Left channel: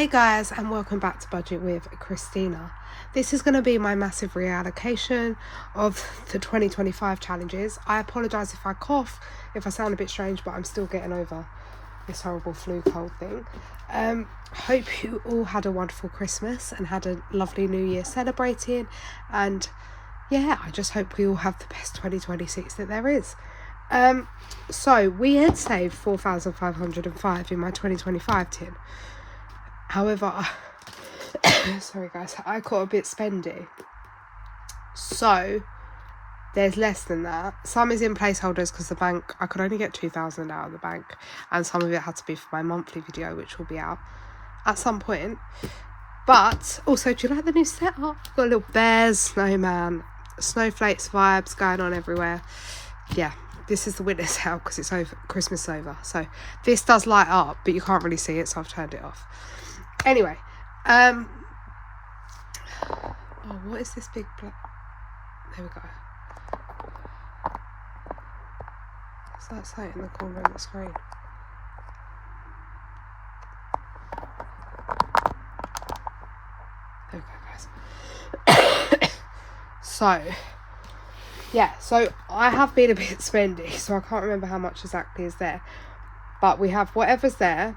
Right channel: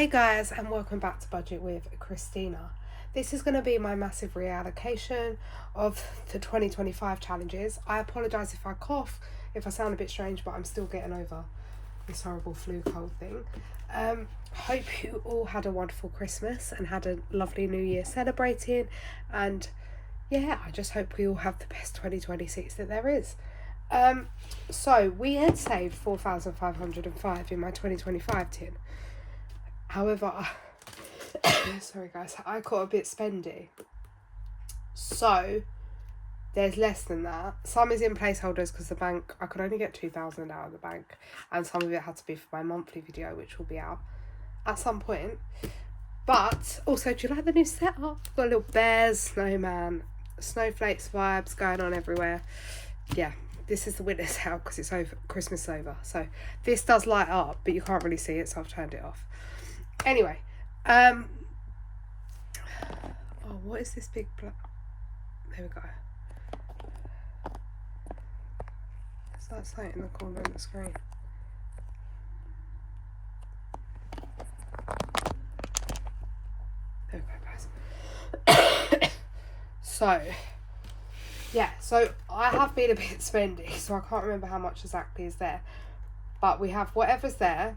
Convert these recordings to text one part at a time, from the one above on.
Hey guys, and welcome back to Budget with Christina. This is going to be my massive reallocation of the 2025 challenges. I apologise if I cough, if I sound a bit strange, but I'm still getting over this horrible flu cold thing. Hope you all had a wonderful Christmas and had a lovely New Year celebrating, and yeah, I just hope we all have the best 2026 that there is. So we had saved 4,505 in my 2025 tin. However, sorry guys, I got a bit spendy. So there's less than that. Some is in placeholders because the bank, I could only get 2,000 out of the bank, and some of it had to be for my monthly video, which will be out at some point. But also, do you like the new setup? Got a little bears, snowman, snowflakes vibes going on everywhere. Yeah, this is the winter sale because it's over, Christmas over. So this does light up, but you can't really see it, so I've turned it off. Anyway, oh, what is this big there we go. It's that sight in the corner of the screen. There we go, guys. So I have been a bit spendy, so I can't remember how much exactly is there, but we have whatever's there,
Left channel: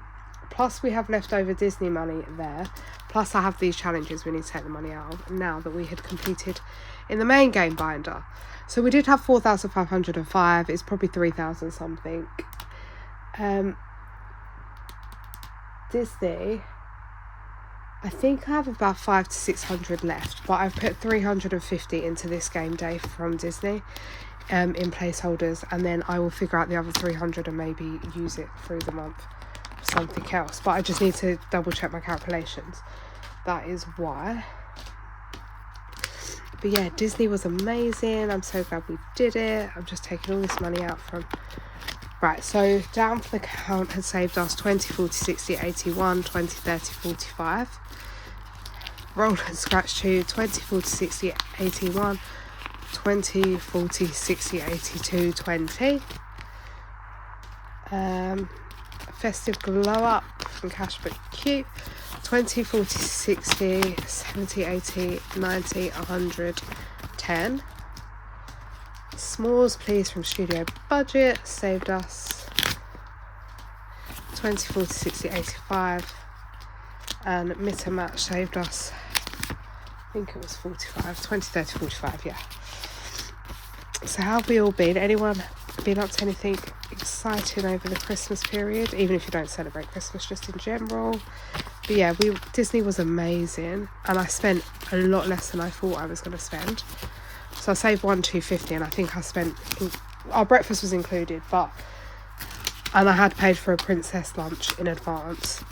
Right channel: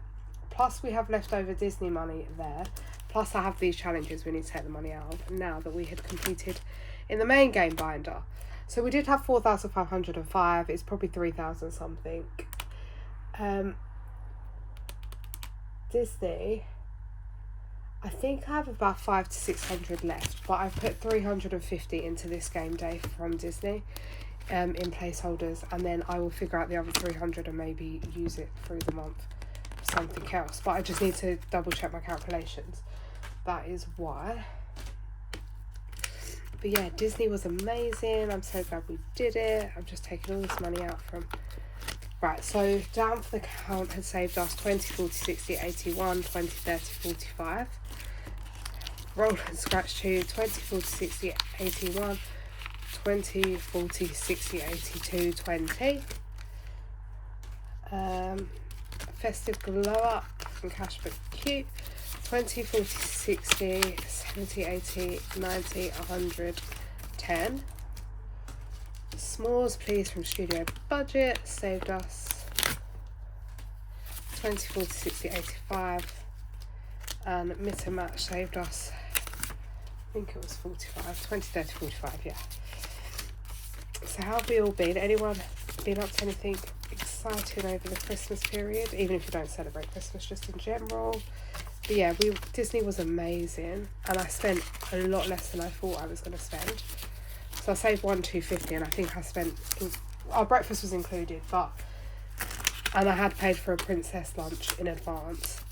plus we have leftover Disney money there, plus I have these challenges we need to take the money out of now that we had completed in the main game binder. So we did have 4,505. It's probably 3,000 something. Disney, I think I have about 500 to 600 left, but I've put 350 into this game day from Disney in placeholders, and then I will figure out the other 300 and maybe use it through the month for something else. But I just need to double check my calculations. That is why. But yeah, Disney was amazing. I'm so glad we did it. I'm just taking all this money out from... Right, so down for the count had saved us 20, 40, 60, 81, 20, 30, 45. Roll and scratch 2, 20, 40, 60, 81, 20, 40, 60, 82, 20. Festive glow up from Cashback Q. 20, 40, 60, 70, 80, 90, 100, 10. Smalls please from Studio Budget saved us 20, 40, 60, 85. And Mitter Match saved us, I think it was 45, 20, 30, 45, yeah. So how have we all been? Anyone been up to anything exciting over the Christmas period? Even if you don't celebrate Christmas, just in general. But yeah, Disney was amazing, and I spent a lot less than I thought I was going to spend. So I saved 250, and I think I spent, our breakfast was included, and I had paid for a princess lunch in advance,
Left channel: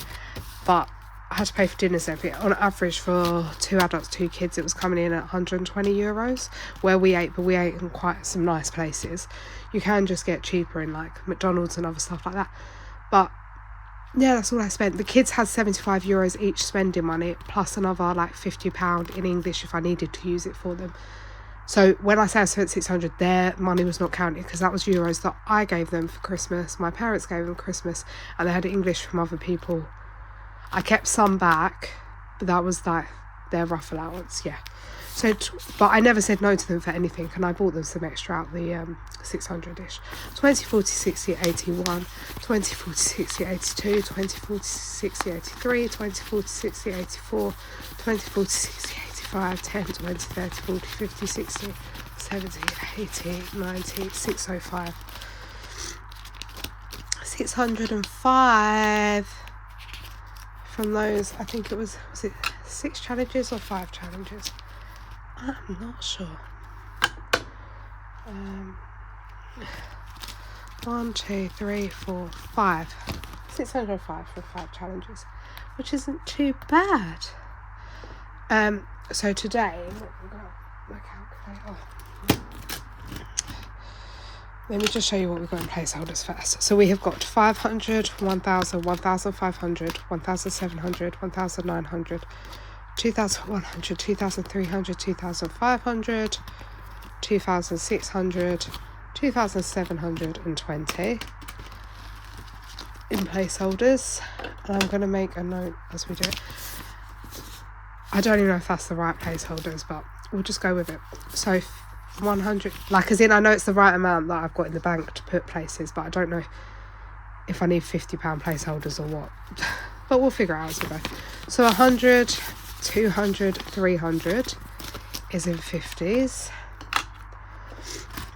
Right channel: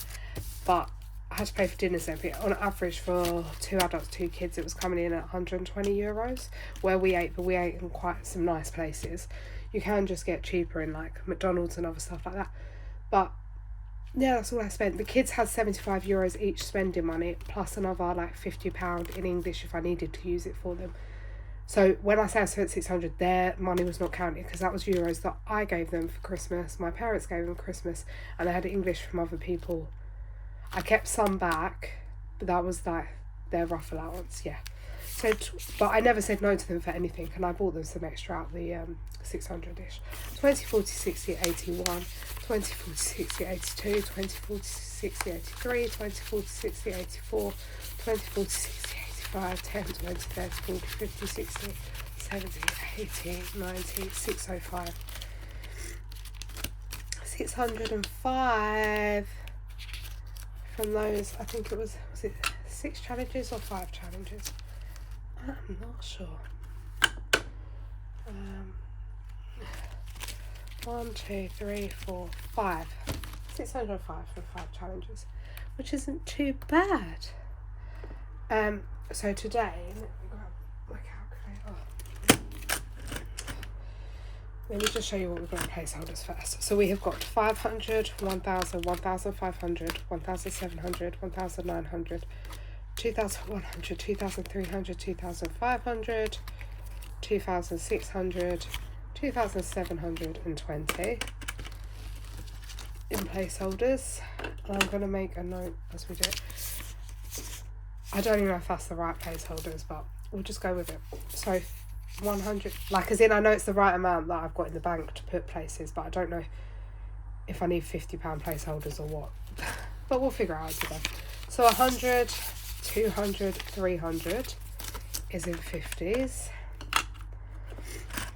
but I had to pay for dinners and everything. On average for 2 adults, 2 kids, it was coming in at 120 euros where we ate, but we ate in quite some nice places. You can just get cheaper in like McDonald's and other stuff like that. But yeah, that's all I spent. The kids had 75 euros each spending money, plus another like £50 in English if I needed to use it for them. So when I say I spent 600, their money was not counted because that was euros that I gave them for Christmas. My parents gave them Christmas, and they had English from other people. I kept some back, but that was like their rough allowance, yeah. So, but I never said no to them for anything, and I bought them some extra out the 600-ish. 20, 40, 60, 81, 20, 40, 60, 82, 20, 40, 60, 83, 20, 40, 60, 84, 20, 40, 60, 85, 10, 20, 30, 40, 50, 60, 70, 80, 90, 605. 605 from those, I think it was it 6 challenges or 5 challenges? I'm not sure. 1, 2, 3, 4, 5. 605 for 5 challenges, which isn't too bad. So today, my calculator. Let me just show you what we've got in placeholders first. So we have got 500, 1,000, 1,500, 1,700, 1,900, 2,100, 2,300, 2,500, 2,600, 2,720, in placeholders, and I'm going to make a note as we do it. I don't even know if that's the right placeholders, but we'll just go with it. So 100, like as in I know it's the right amount that I've got in the bank to put places, but I don't know if I need £50 placeholders or what. But we'll figure it out as we go. So 100, 200, 300 is in 50s.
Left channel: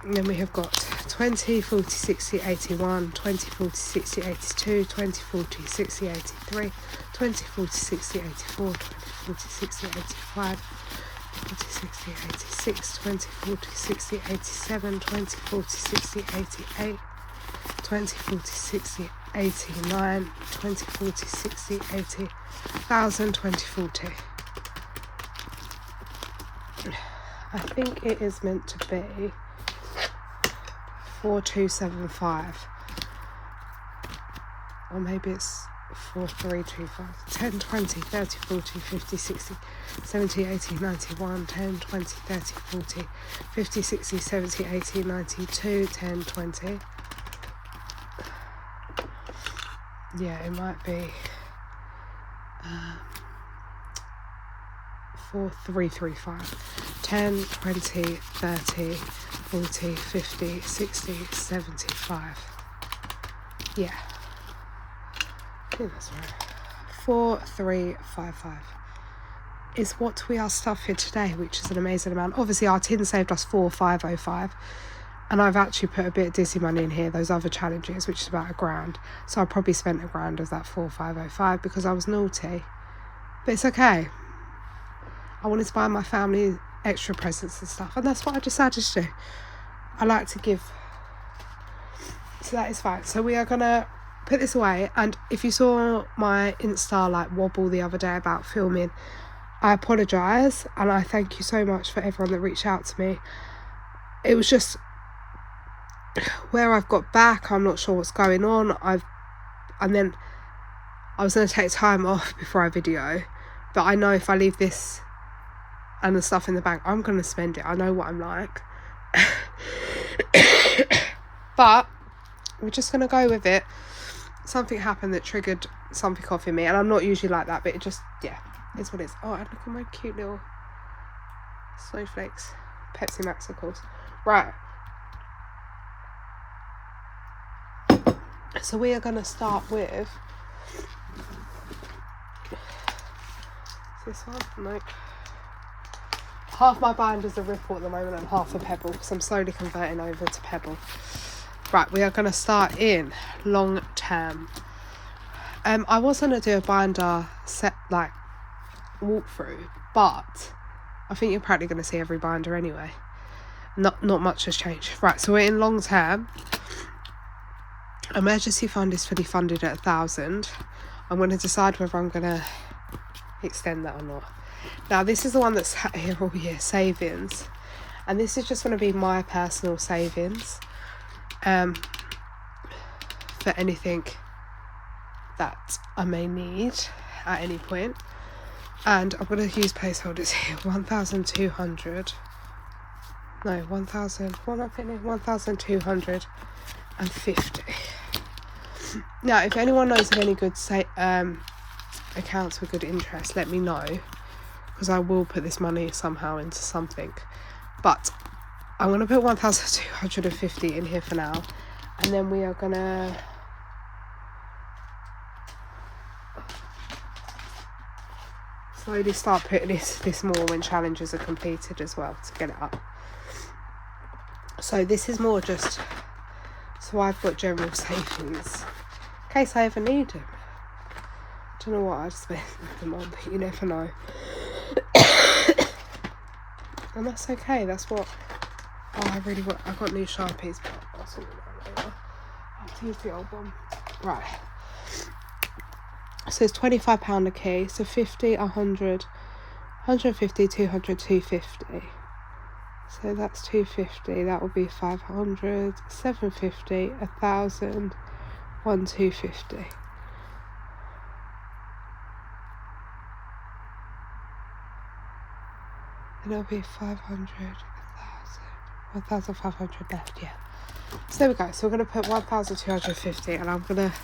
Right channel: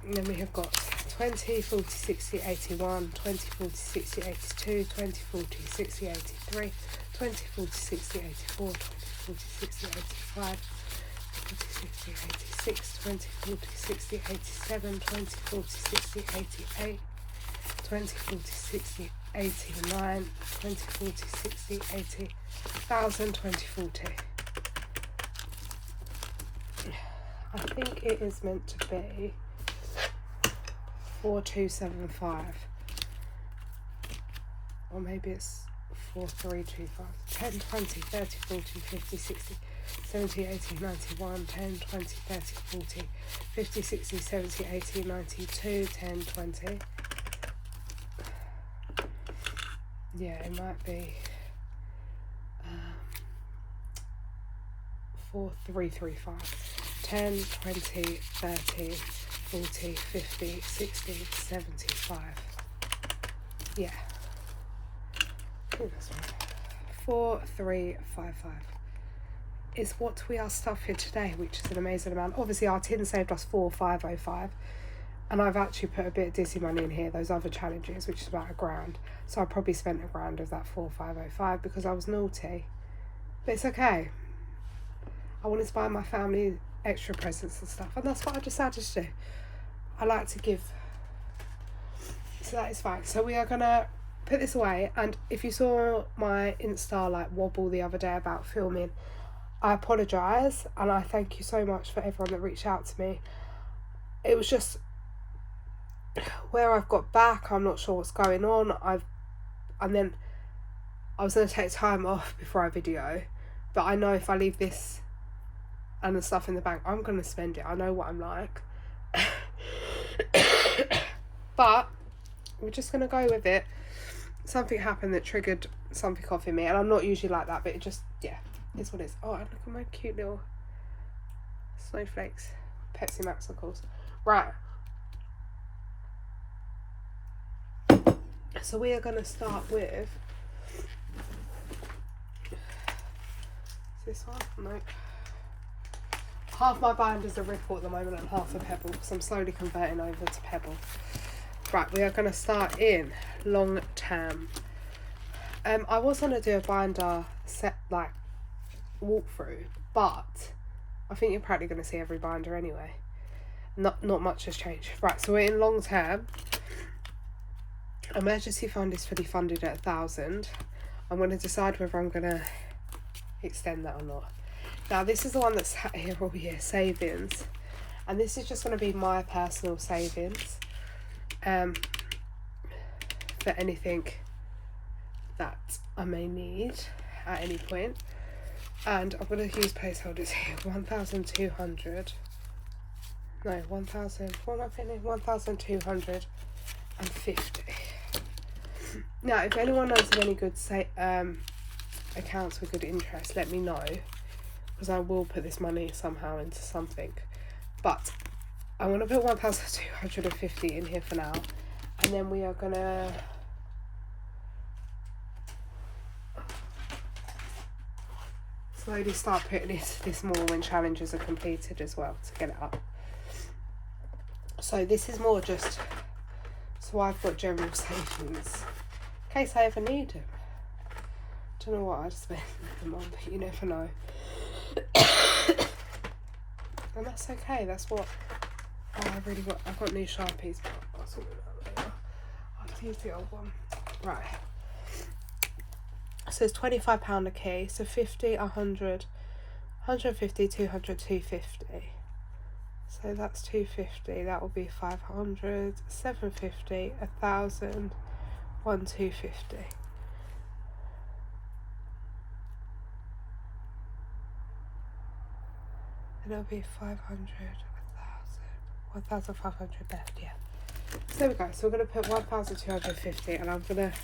And then we have got 20, 40, 60, 81, 20, 40, 60, 82, 20, 40, 60, 83, 20, 40, 60, 84, 20, 40, 60, 85, 20, 60, 86, 20, 40, 60, 87, 20, 40, 60, 88, 20, 40, 60, 89, 20, 40, 60, 80, 1,000, 20, 40. I think it is meant to be 4275, or maybe it's 4325. 10, 20, 30, 40, 50, 60, 70, 80, 91, 10, 20, 30, 40, 50, 60, 70, 80, 92, 10, 20. Yeah, it might be 4335. 10, 20, 30, 40, 50, 60, 75. Yeah, I think that's right. 4355 is what we are stuffing today, which is an amazing amount. Obviously our tin saved us 4505, and I've actually put a bit of dizzy money in here, those other challenges, which is about £1,000. So I probably spent £1,000 of that 4505 because I was naughty, but it's okay. I wanted to buy my family extra presents and stuff, and that's what I decided to do. I like to give, so that is fine. So we are gonna put this away, and if you saw my Insta like wobble the other day about filming, I apologise, and I thank you so much for everyone that reached out to me. It was just where I've got back, I'm not sure what's going on. And then I was going to take time off before I video, but I know if I leave this and the stuff in the bank, I'm going to spend it. I know what I'm like. But we're just going to go with it. Something happened that triggered something off in me, and I'm not usually like that, but it just, yeah, it's what it is. Oh, and look at my cute little snowflakes. Pepsi Max, of course. Right. So we are going to start with this one. Nope. Half my binder's a Ripple at the moment and half a Pebble, because I'm slowly converting over to Pebble. Right, we are going to start in long term. I was going to do a binder set, like, walkthrough, but I think you're probably going to see every binder anyway. Not much has changed. Right, so we're in long term. Emergency fund is fully funded at 1,000. I'm going to decide whether I'm going to extend that or not. Now this is the one that's here all year, savings, and this is just going to be my personal savings for anything that I may need at any point. And I'm going to use placeholders here. 1,200. No, 1,000. What am I putting in? 1,250. Now, if anyone knows of any good accounts with good interest, let me know, because I will put this money somehow into something. But I'm going to put 1,250 in here for now, and then we are going to slowly start putting this more when challenges are completed as well, to get it up. So this is more just so I've got general savings in case I ever need them. Don't know what I'd spend them on, but you never know. And that's okay. That's what I really want. I got new Sharpies, but I'll sort it out later. I'll use the old one. Right. So it's £25 a key. So 50, 100, 150, 200, 250. So that's 250. That will be 500, 750, 1,000, 250. And it'll be 500, 1,000, 1,500 left, yeah. So there we go. So we're going to put 1,250, and I'm going to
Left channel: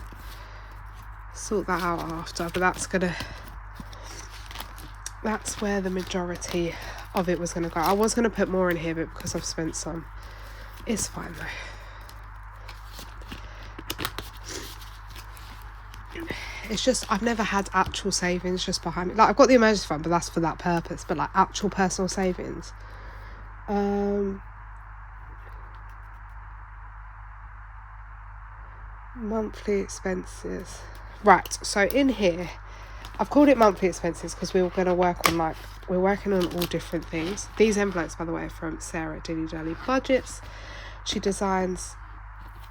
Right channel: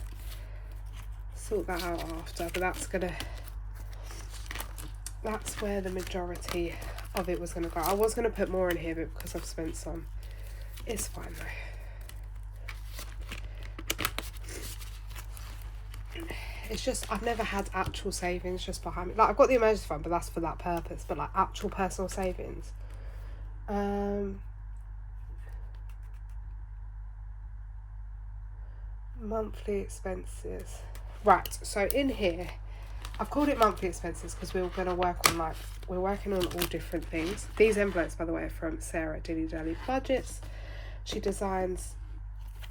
sort that out after, but that's where the majority of it was gonna go. I was gonna put more in here, but because I've spent some, it's fine though. It's just, I've never had actual savings just behind me. Like, I've got the emergency fund, but that's for that purpose. But like actual personal savings, monthly expenses. Right, so in here, I've called it monthly expenses because we were going to work on we're working on all different things. These envelopes, by the way, are from Sarah at Dilly Dally Budgets. She designs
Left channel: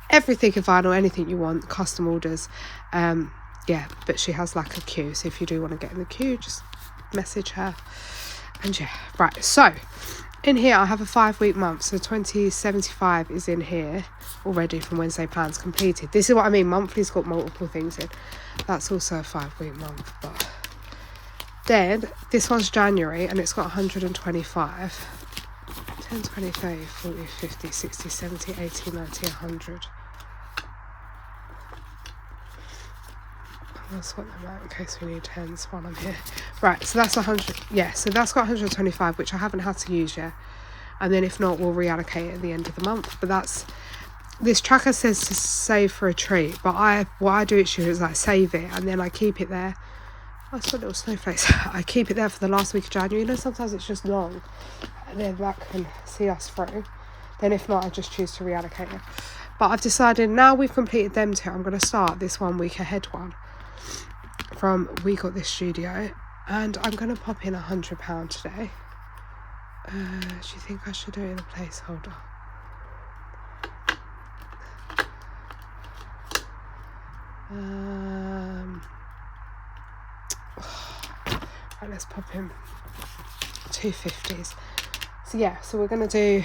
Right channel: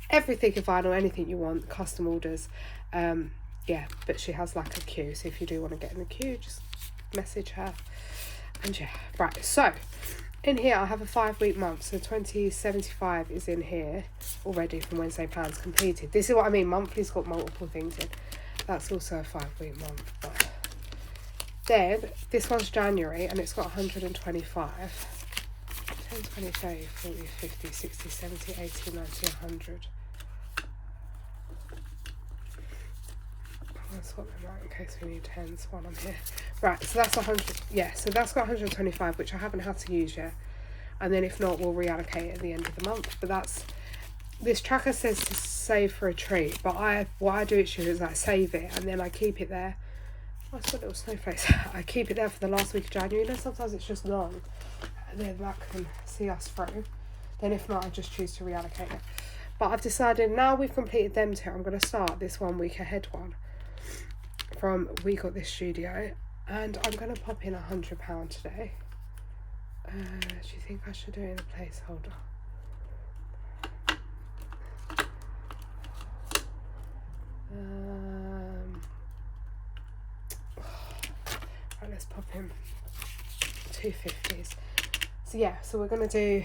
everything in vinyl, anything you want, custom orders. Yeah, but she has like a queue, so if you do want to get in the queue, just message her. And yeah, right, so in here I have a 5-week month, so 2075 is in here already from Wednesday plans completed. This is what I mean, monthly's got multiple things in. That's also a 5-week month. But then this one's January and it's got 125. 10, 20, 30, 40, 50, 60, 70, 80, 90, 100. That's what I'm at in case we need tens while I'm here. Right, so that's 100. Yeah, so that's got 125, which I haven't had to use yet. And then if not, we'll reallocate it at the end of the month. But that's, this tracker says to save for a treat, but what I do each year is like save it and then I keep it there. Oh, it's got little snowflakes. I keep it there for the last week of January. You know, sometimes it's just long, and then that can see us through. Then if not, I just choose to reallocate it. But I've decided now we've completed them two, I'm going to start this 1 week ahead one from We Got This Studio, and I'm going to pop in £100 today. Do you think I should do it in a placeholder? Right, let's pop in 250s. So yeah, so we're going to do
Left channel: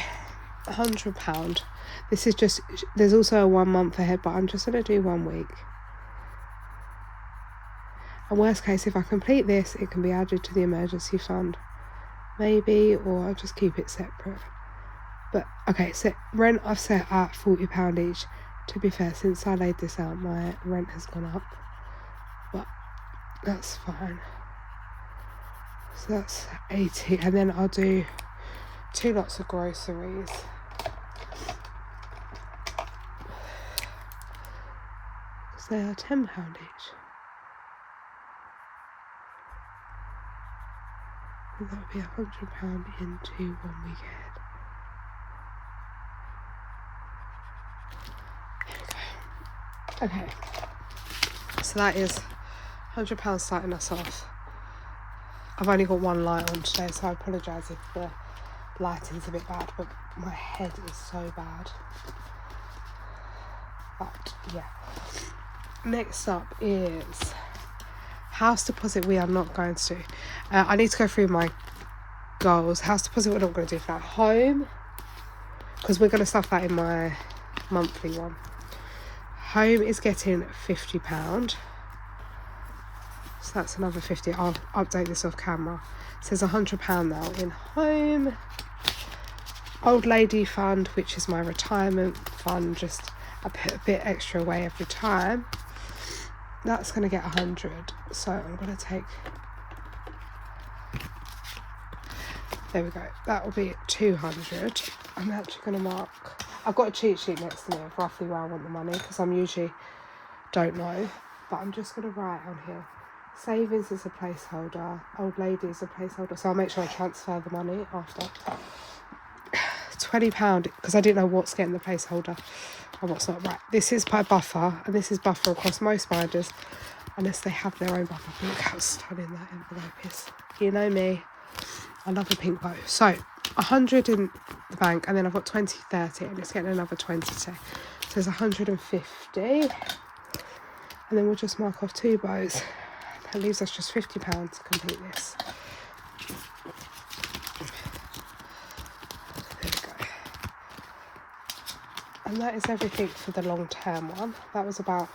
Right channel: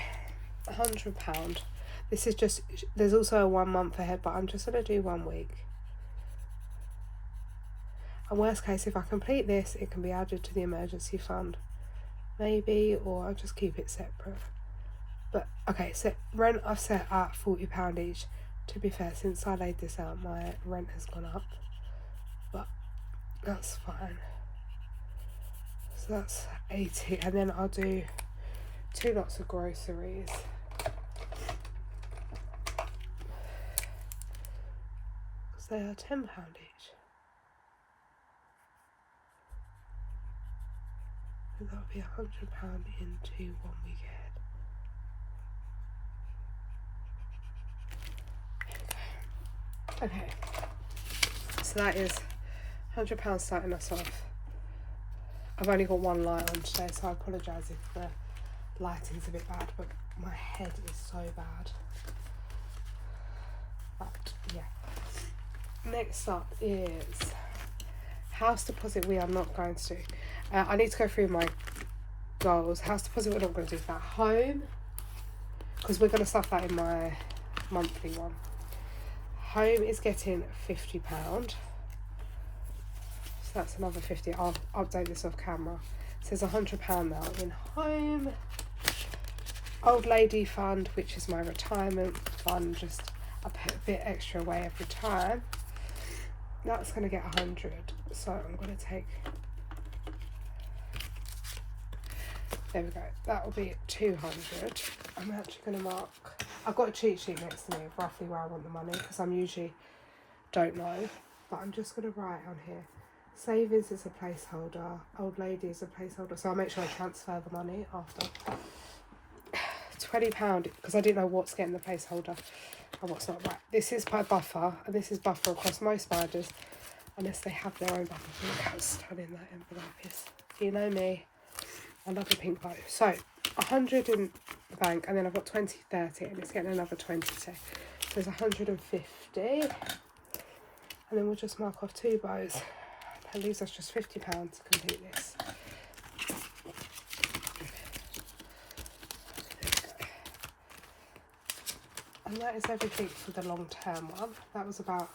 £100. This is just, there's also a 1 month ahead, but I'm just going to do 1 week. And worst case, if I complete this, it can be added to the emergency fund, maybe, or I'll just keep it separate. But okay, so rent I've set at £40 each. To be fair, since I laid this out, my rent has gone up, but that's fine. So that's 80, and then I'll do 2 lots of groceries. So they are £10 each. And that would be £100 into 1 week ahead. There we go. Okay. So that is £100 starting us off. I've only got 1 light on today, so I apologise if the lighting's a bit bad, but my head is so bad. But yeah. Next up is house deposit. We are not going to do. I need to go through my goals. House deposit we're not going to do for that. Home, because we're going to stuff that in my monthly one. Home is getting £50. So that's another 50. I'll update this off camera. It says £100 now in home. Old lady fund, which is my retirement fund, just I put a bit extra away every time. That's going to get 100. So I'm going to take, there we go, that will be 200. I'm actually going to mark, I've got a cheat sheet next to me of roughly where I want the money, because I'm usually don't know, but I'm just going to write on here, savings is a placeholder, old lady is a placeholder, so I'll make sure I transfer the money after. £20, because I didn't know what's getting the placeholder and what's not. Right, this is by buffer, and this is buffer across most binders, unless they have their own buffer. Look how stunning that envelope is. You know me, I love a pink bow. So 100 in the bank, and then I've got 20, 30, and it's getting another 20 today. So there's 150, and then we'll just mark off 2 bows. That leaves us just £50 to complete this. There we go. And that is everything for the long term one. That was about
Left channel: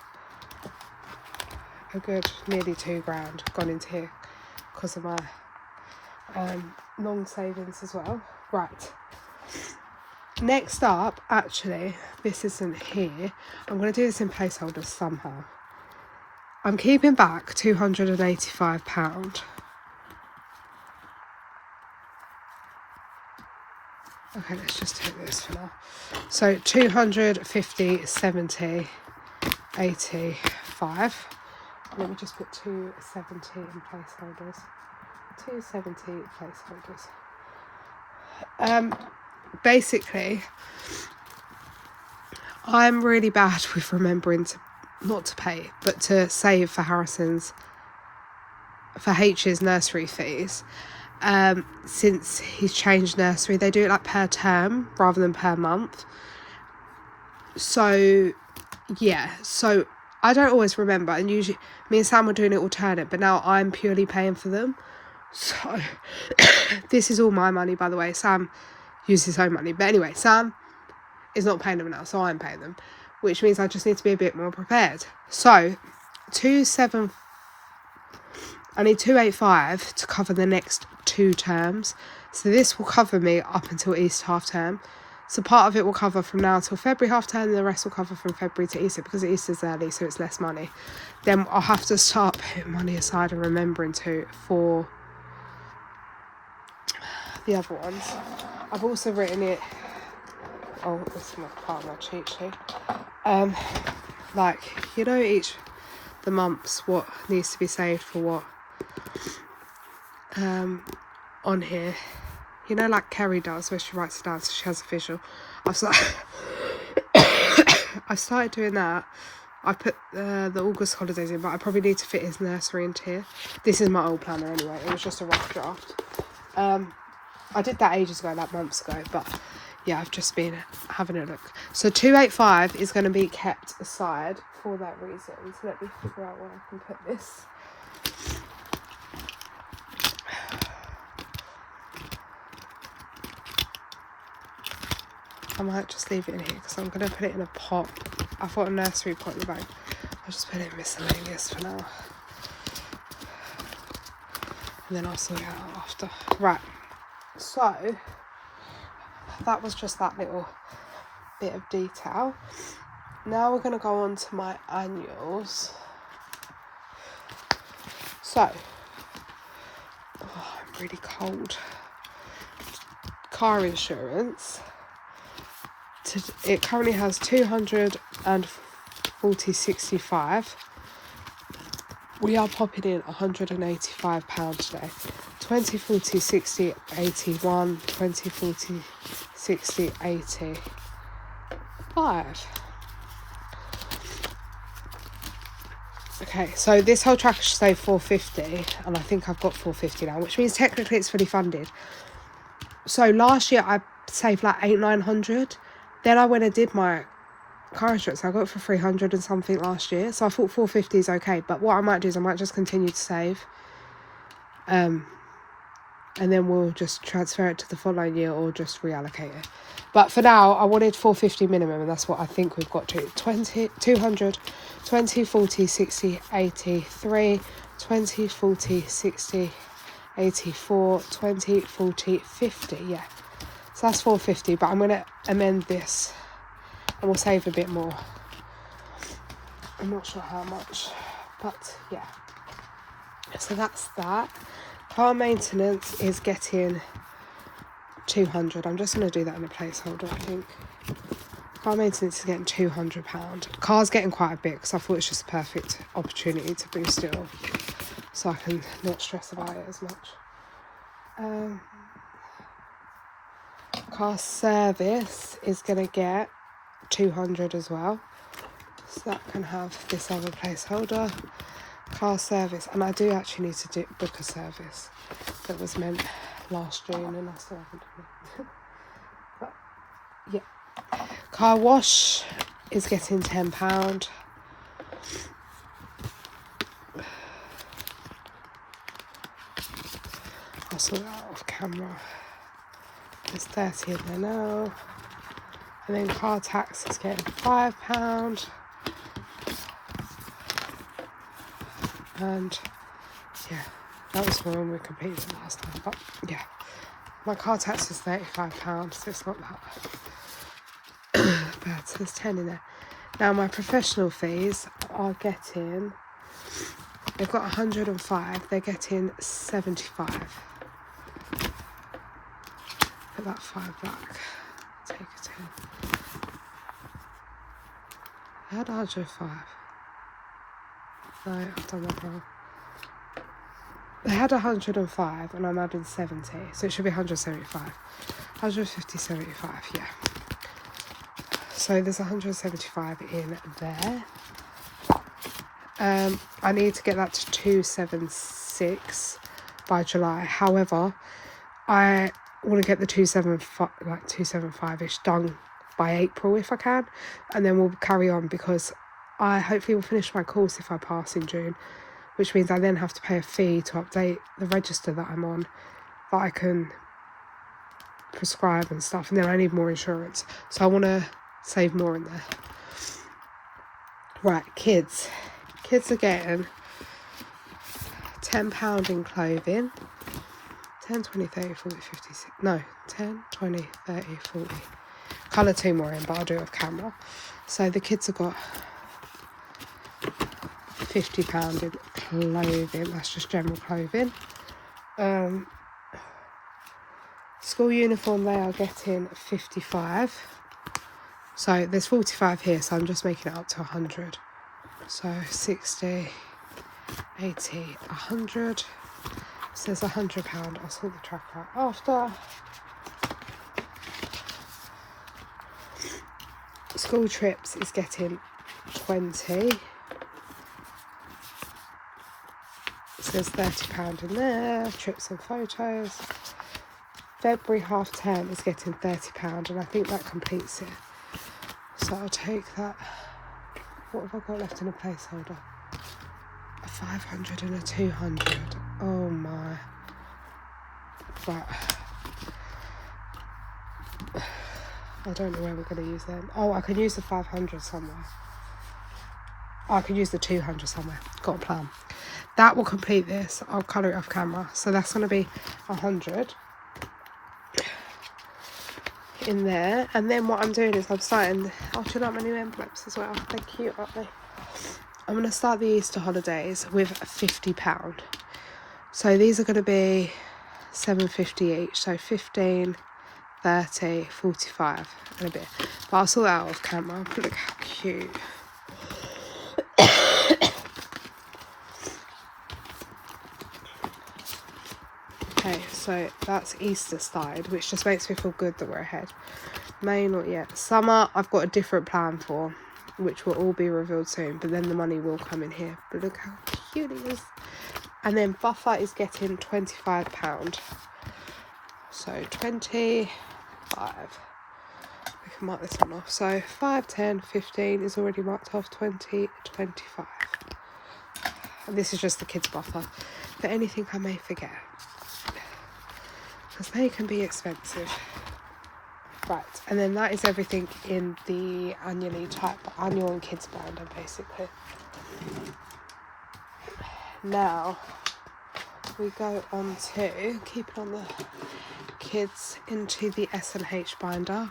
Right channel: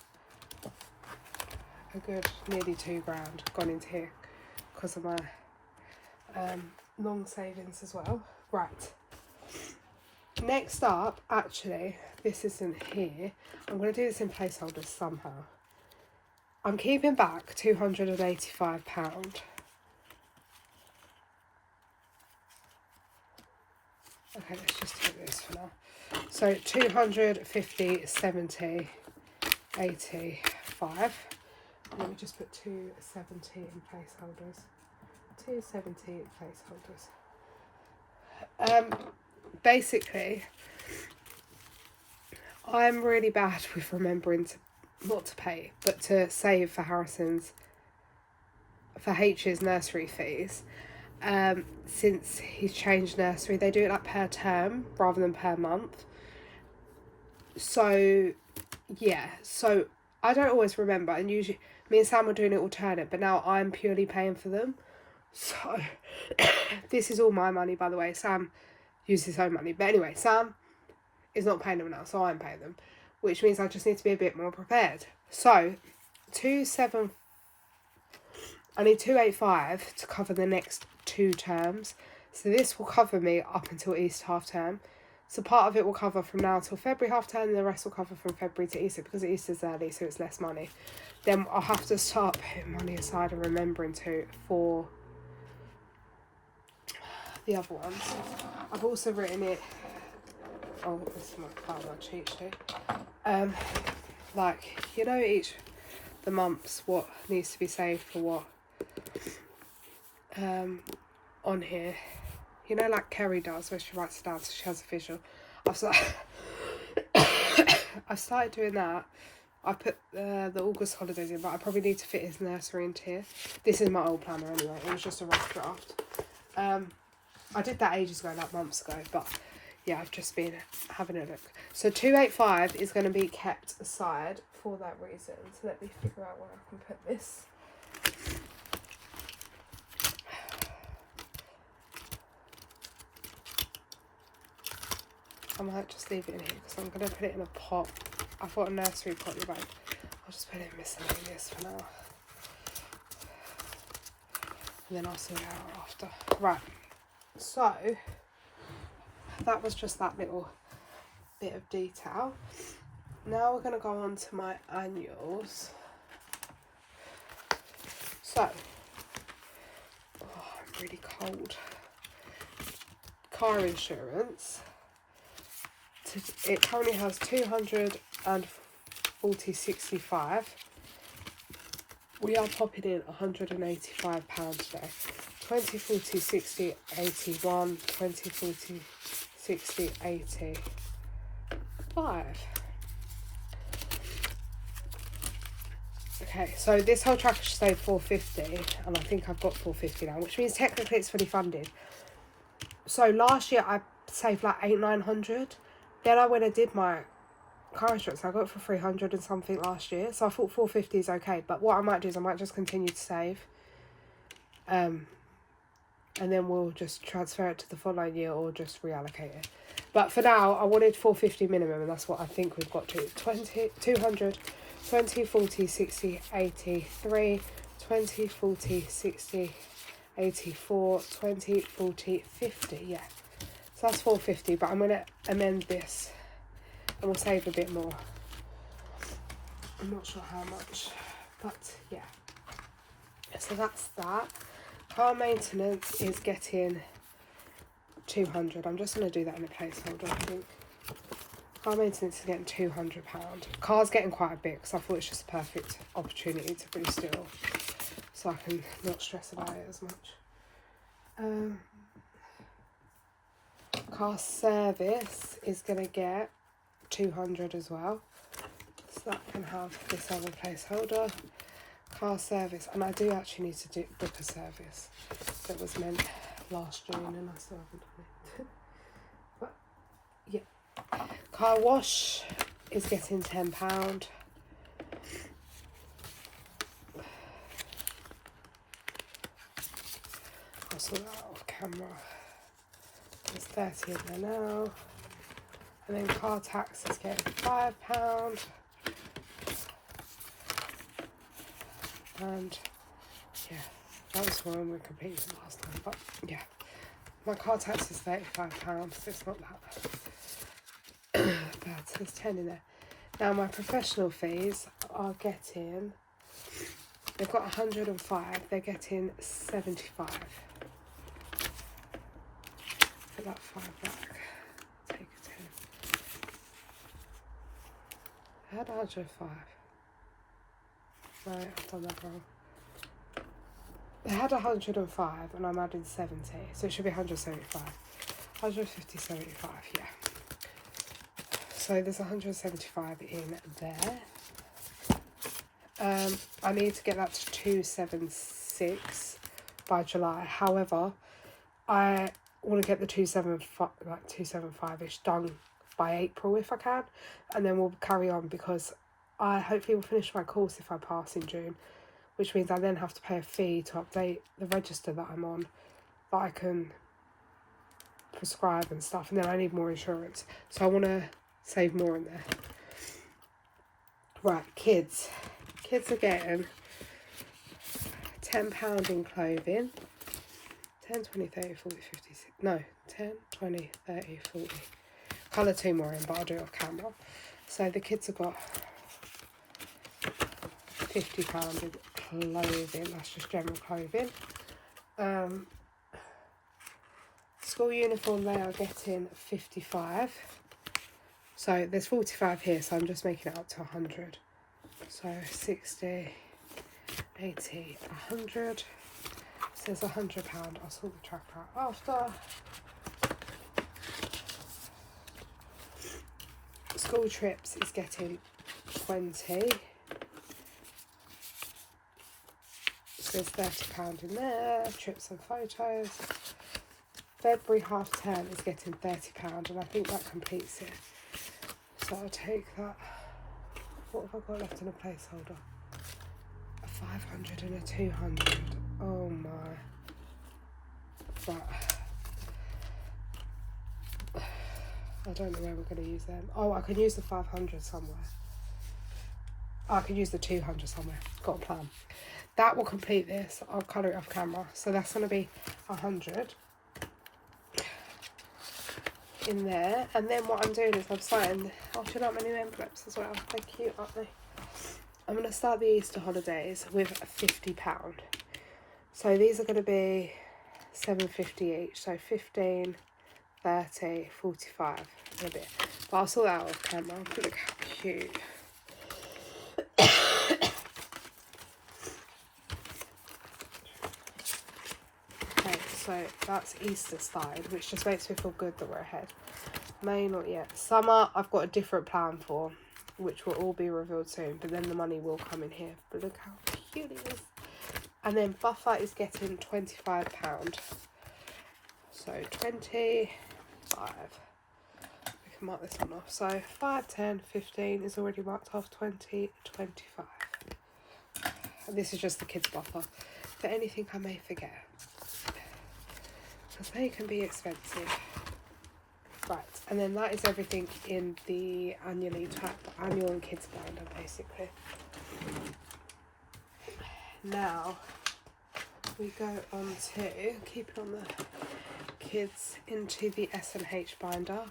a good nearly £2,000 gone into here because of my long savings as well. Right. Next up, actually, this isn't here. I'm going to do this in placeholders somehow. I'm keeping back £285. Okay, let's just take this for now. So 250, 70, 85. Let me just put 270 in placeholders. 270 placeholders. Basically, I'm really bad with remembering to not to pay, but to save for H's nursery fees. Since he's changed nursery, they do it like per term rather than per month. So yeah, so I don't always remember, and usually me and Sam were doing it alternate, but now I'm purely paying for them. So this is all my money, by the way. Sam uses his own money, but anyway, Sam is not paying them now, so I'm paying them, which means I just need to be a bit more prepared. So I need 285 to cover the next 2 terms. So this will cover me up until Easter half term. So part of it will cover from now till February half term, and the rest will cover from February to Easter, because Easter's early, so it's less money. Then I'll have to start putting money aside and remembering to for the other ones. I've also written it. Oh, this is my part of my cheat sheet. Like, you know, each the months what needs to be saved for what. On here, you know, like Kerry does, where she writes it down so she has a visual. I started doing that. I put the August holidays in, but I probably need to fit his nursery into here. This is my old planner anyway. It was just a rough draft. I did that ages ago, like months ago, but yeah, I've just been having a look. So 285 is going to be kept aside for that reason. So let me figure out where I can put this. I might just leave it in here because I'm going to put it in a pot. I've got a nursery pot in the bag. I'll just put it in miscellaneous for now. And then I'll sort it out after. Right. So, that was just that little bit of detail. Now we're going to go on to my annuals. So, I'm really cold. Car insurance. It currently has 240.65. We are popping in £185 today. 20, 40, 60, 81, 20, 40, 60, 85. Okay, so this whole tracker should say 450, and I think I've got 450 now, which means technically it's fully funded. So last year I saved like 900. Then I went and did my car insurance. I got it for 300 and something last year. So I thought 450 is okay. But what I might do is I might just continue to save. And then we'll just transfer it to the following year or just reallocate it. But for now, I wanted 450 minimum, and that's what I think we've got to. 200, 20, 40, 60, 83, 20, 40, 60, 84, 20, 40, 50, yeah. So that's 450, but I'm going to amend this and we'll save a bit more. I'm not sure how much, but yeah. So that's that. Car maintenance is getting 200. I'm just going to do that in a placeholder, I think. Car maintenance is getting £200. Car's getting quite a bit because I thought it's just a perfect opportunity to boost it off, so I can not stress about it as much. Car service is going to get 200 as well, so that can have this other placeholder. Car service, and I do actually need to book a service that was meant last June and I still haven't done it. But yeah, car wash is getting £10. I'll sort it out off camera. There's 30 in there now. And then car tax is getting £5. And yeah, that was when we completed it last time. But yeah, my car tax is £35, so it's not that bad. So there's 10 in there. Now my professional fees are getting They've got 105, they're getting 75. Put that 5 back. Take a 10. I had 105. No, I've done that wrong. They had 105 and I'm adding 70, so it should be 175. 150, 75, yeah. So there's 175 in there. I need to get that to 276 by July. However, I want to get the 275, like 275-ish done by April if I can, and then we'll carry on, because I hopefully will finish my course if I pass in June, which means I then have to pay a fee to update the register that I'm on, that I can prescribe and stuff, and then I need more insurance, so I want to save more in there. Right, kids are getting £10 in clothing, 10, 20, 30, 40, 50, 60, no, 10, 20, 30, 40, colour 2 more in, but I'll do it off camera. So the kids have got £50 in clothing, that's just general clothing. School uniform, they are getting 55. So there's 45 here, so I'm just making it up to 100. So 60, 80, 100. Says £100. I'll sort the track out after. School trips is getting 20. It says £30 in there. Trips and photos. February half term is getting £30, and I think that completes it. So I'll take that. What have I got left in a placeholder? A 500 and a 200. Oh my. Right. I don't know where we're going to use them. Oh, I can use the 500 somewhere. Oh, I can use the 200 somewhere. Got a plan. That will complete this. I'll colour it off camera. So that's going to be 100 in there. And then what I'm doing is I'm starting... I'll turn up my new envelopes as well. They're cute, aren't they? I'm going to start the Easter holidays with £50. So these are going to be £7.50 each. So 15, 30, 45 and a bit. But I'll sort that out off camera. But look how cute. Okay, so that's Easter started, which just makes me feel good that we're ahead. May not yet. Summer, I've got a different plan for, which will all be revealed soon, but then the money will come in here. But look how cute it is. And then Buffer is getting £25. So 25. We can mark this one off. So 5, 10, 15 is already marked off. 20, 25. And this is just the kids' Buffer. For anything I may forget, because they can be expensive. Right, and then that is everything in the annual and kids binder, basically. Now we go on to keep on the kids into the S&H binder,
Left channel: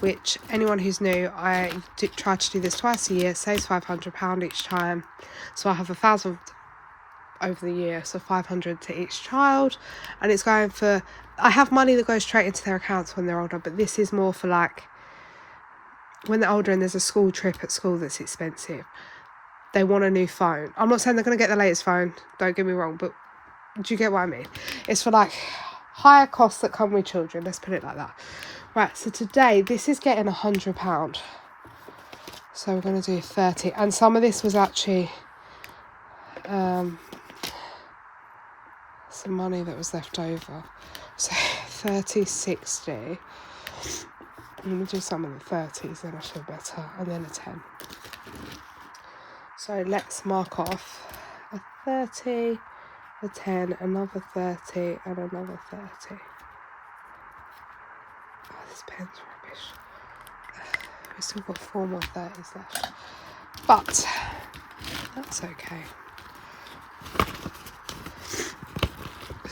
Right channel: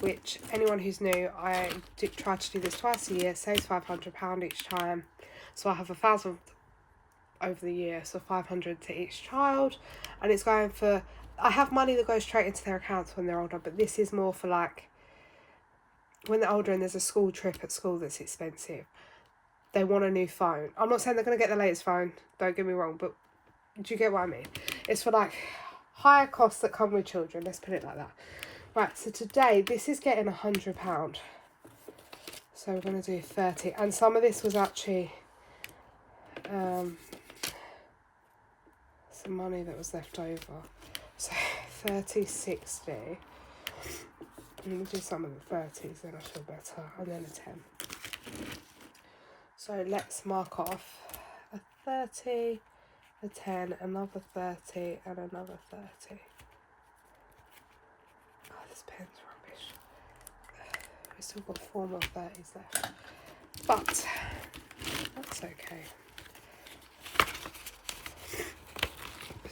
which anyone who's new, I try to do this twice a year. Saves £500 each time, so I have 1,000 over the year, so 500 to each child, and it's going for... I have money that goes straight into their accounts when they're older, but this is more for like when they're older and there's a school trip at school that's expensive. They want a new phone. I'm not saying they're going to get the latest phone, don't get me wrong, but do you get what I mean? It's for like higher costs that come with children, let's put it like that. Right, so today this is getting £100. So we're going to do 30, and some of this was actually some money that was left over. So 30, 60. I'm going to do some of the 30s, then I feel better, and then a 10. So let's mark off a 30, a 10, another 30, and another 30. Oh, this pen's rubbish. We've still got 4 more 30s left, but that's okay.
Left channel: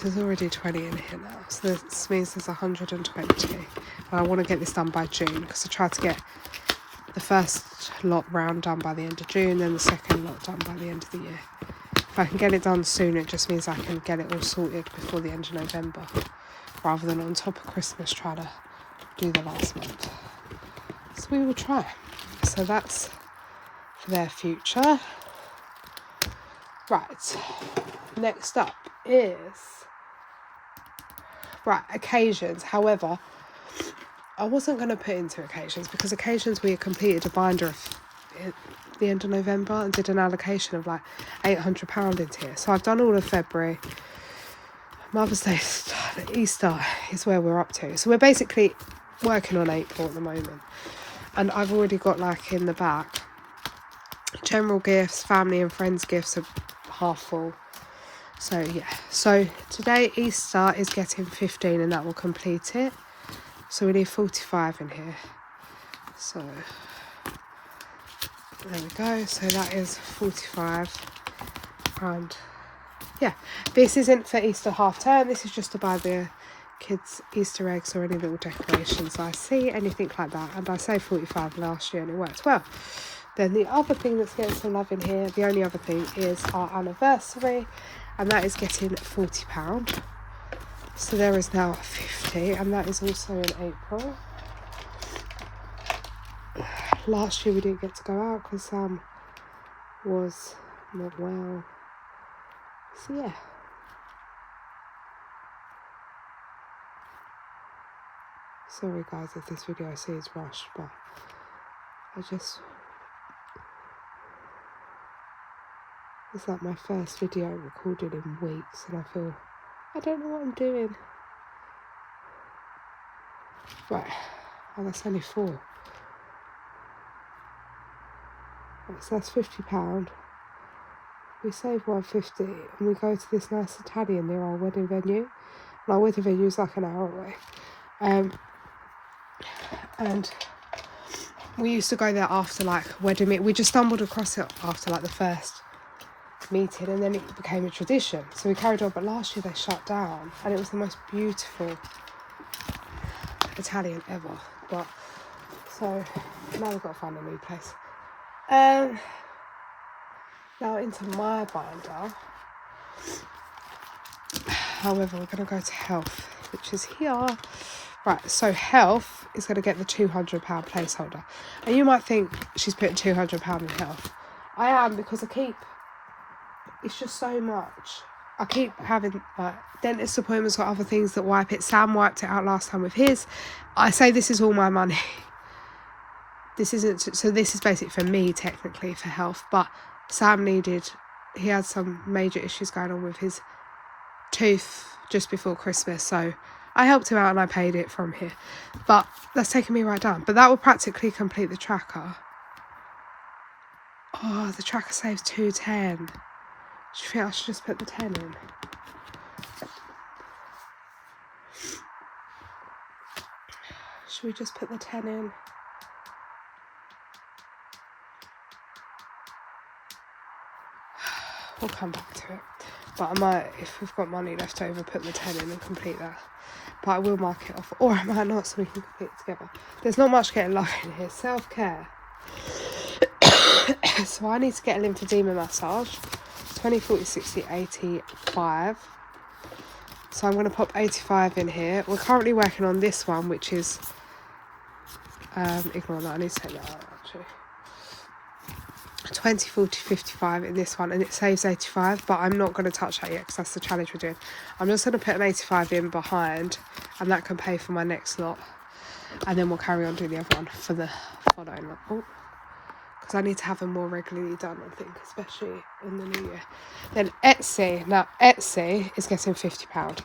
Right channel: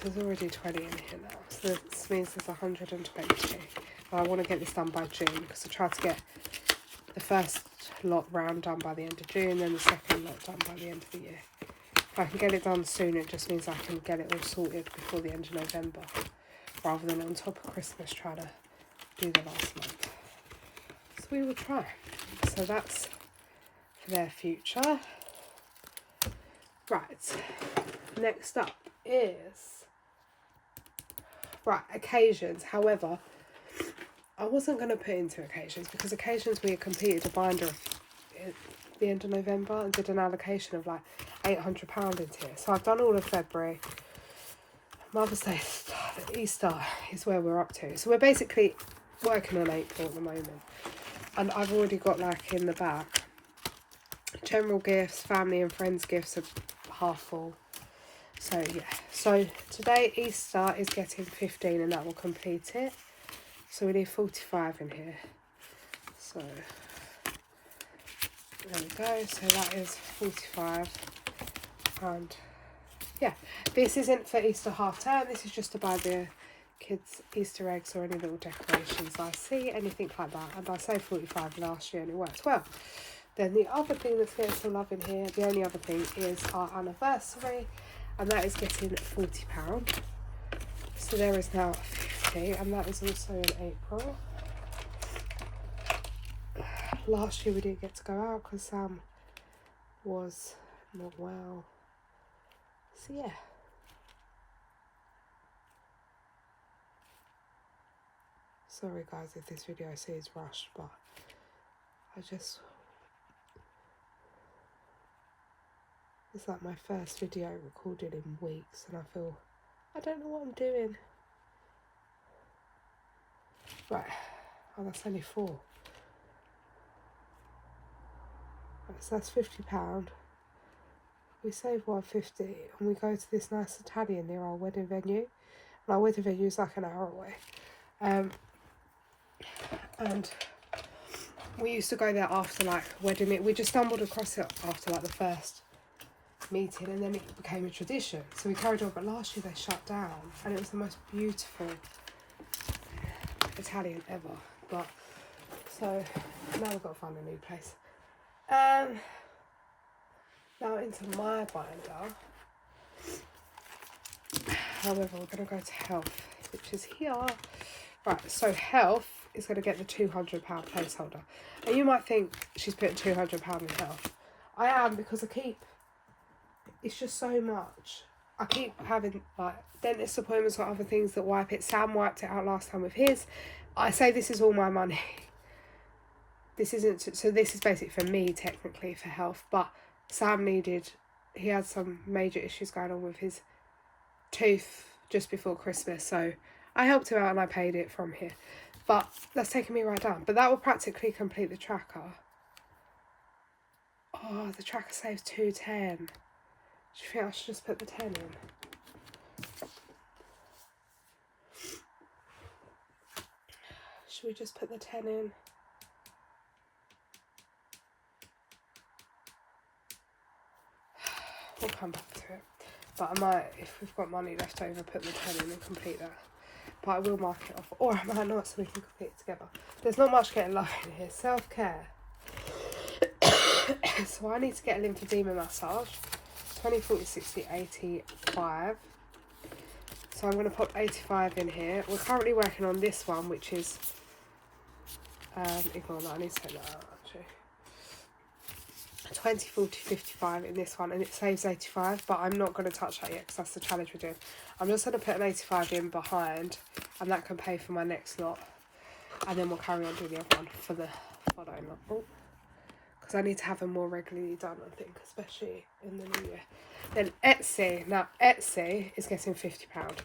There's already 20 in here now, so this means there's 120. And I want to get this done by June, because I tried to get the first lot round done by the end of June, then the second lot done by the end of the year. In I can get it done soon, it just means I can get it all sorted before the end of November, rather than on top of Christmas trying to do the last month. So we will try. So that's for their future. Right, next up is occasions. However, I wasn't going to put into occasions because occasions we had completed a binder at the end of November and did an allocation of like £800 into here. So I've done all of February. Mother's Day, Easter is where we're up to. So we're basically working on April at the moment. And I've already got like in the back, general gifts, family and friends gifts are half full. So yeah, so today Easter is getting 15 and that will complete it. So we need 45 in here. So there we go. So that is 45. And yeah, this isn't for Easter half term. This is just to buy the kids Easter eggs or any little decorations I see, anything like that. And I saved 45 last year and it worked well. Then the other thing that's getting some love in here, the only other thing is our anniversary, and that is getting £40. So there is now 50, and that is also in April. Last year we didn't get to go out because Sam was not well. So yeah. Sorry guys if this video I see is rushed, but it's like my first video recorded in weeks and I feel, I don't know what I'm doing. Right, oh that's only 4. Right, so that's £50. We save £150 and we go to this nice Italian near our wedding venue. And our wedding venue is like an hour away. And we used to go there after like wedding meet. We just stumbled across it after like the first meeting and then it became a tradition. So we carried on, but last year they shut down and it was the most beautiful Italian ever. But so now we've got to find a new place. Now into my binder. However, we're going to go to health, which is here. Right, so health is going to get the £200 placeholder. And you might think she's putting £200 in health. I am, because it's just so much. I keep having dentist appointments or other things that wipe it. Sam wiped it out last time with his. I say this is all my money. This isn't, so this is basically for me technically for health, but Sam he had some major issues going on with his tooth just before Christmas, so I helped him out and I paid it from here. But that's taking me right down. But that will practically complete the tracker. Oh, the tracker saves 210. Do you think I should just put the 10 in? Should we just put the 10 in? We'll come back to it. But I might, if we've got money left over, put the 10 in and complete that. But I will mark it off. Or I might not, so we can complete it together. There's not much getting love in here. Self-care. So I need to get a lymphedema massage. 20, 40, 60, 85. So I'm going to pop 85 in here. We're currently working on this one, which is... ignore that, I need to take that out actually. 20, 40, 55 in this one, and it saves 85, but I'm not going to touch that yet because that's the challenge we're doing. I'm just going to put an 85 in behind, and that can pay for my next lot, and then we'll carry on doing the other one for the following lot. Oh, because I need to have them more regularly done, I think, especially in the new year. Then Etsy. Now Etsy is getting £50,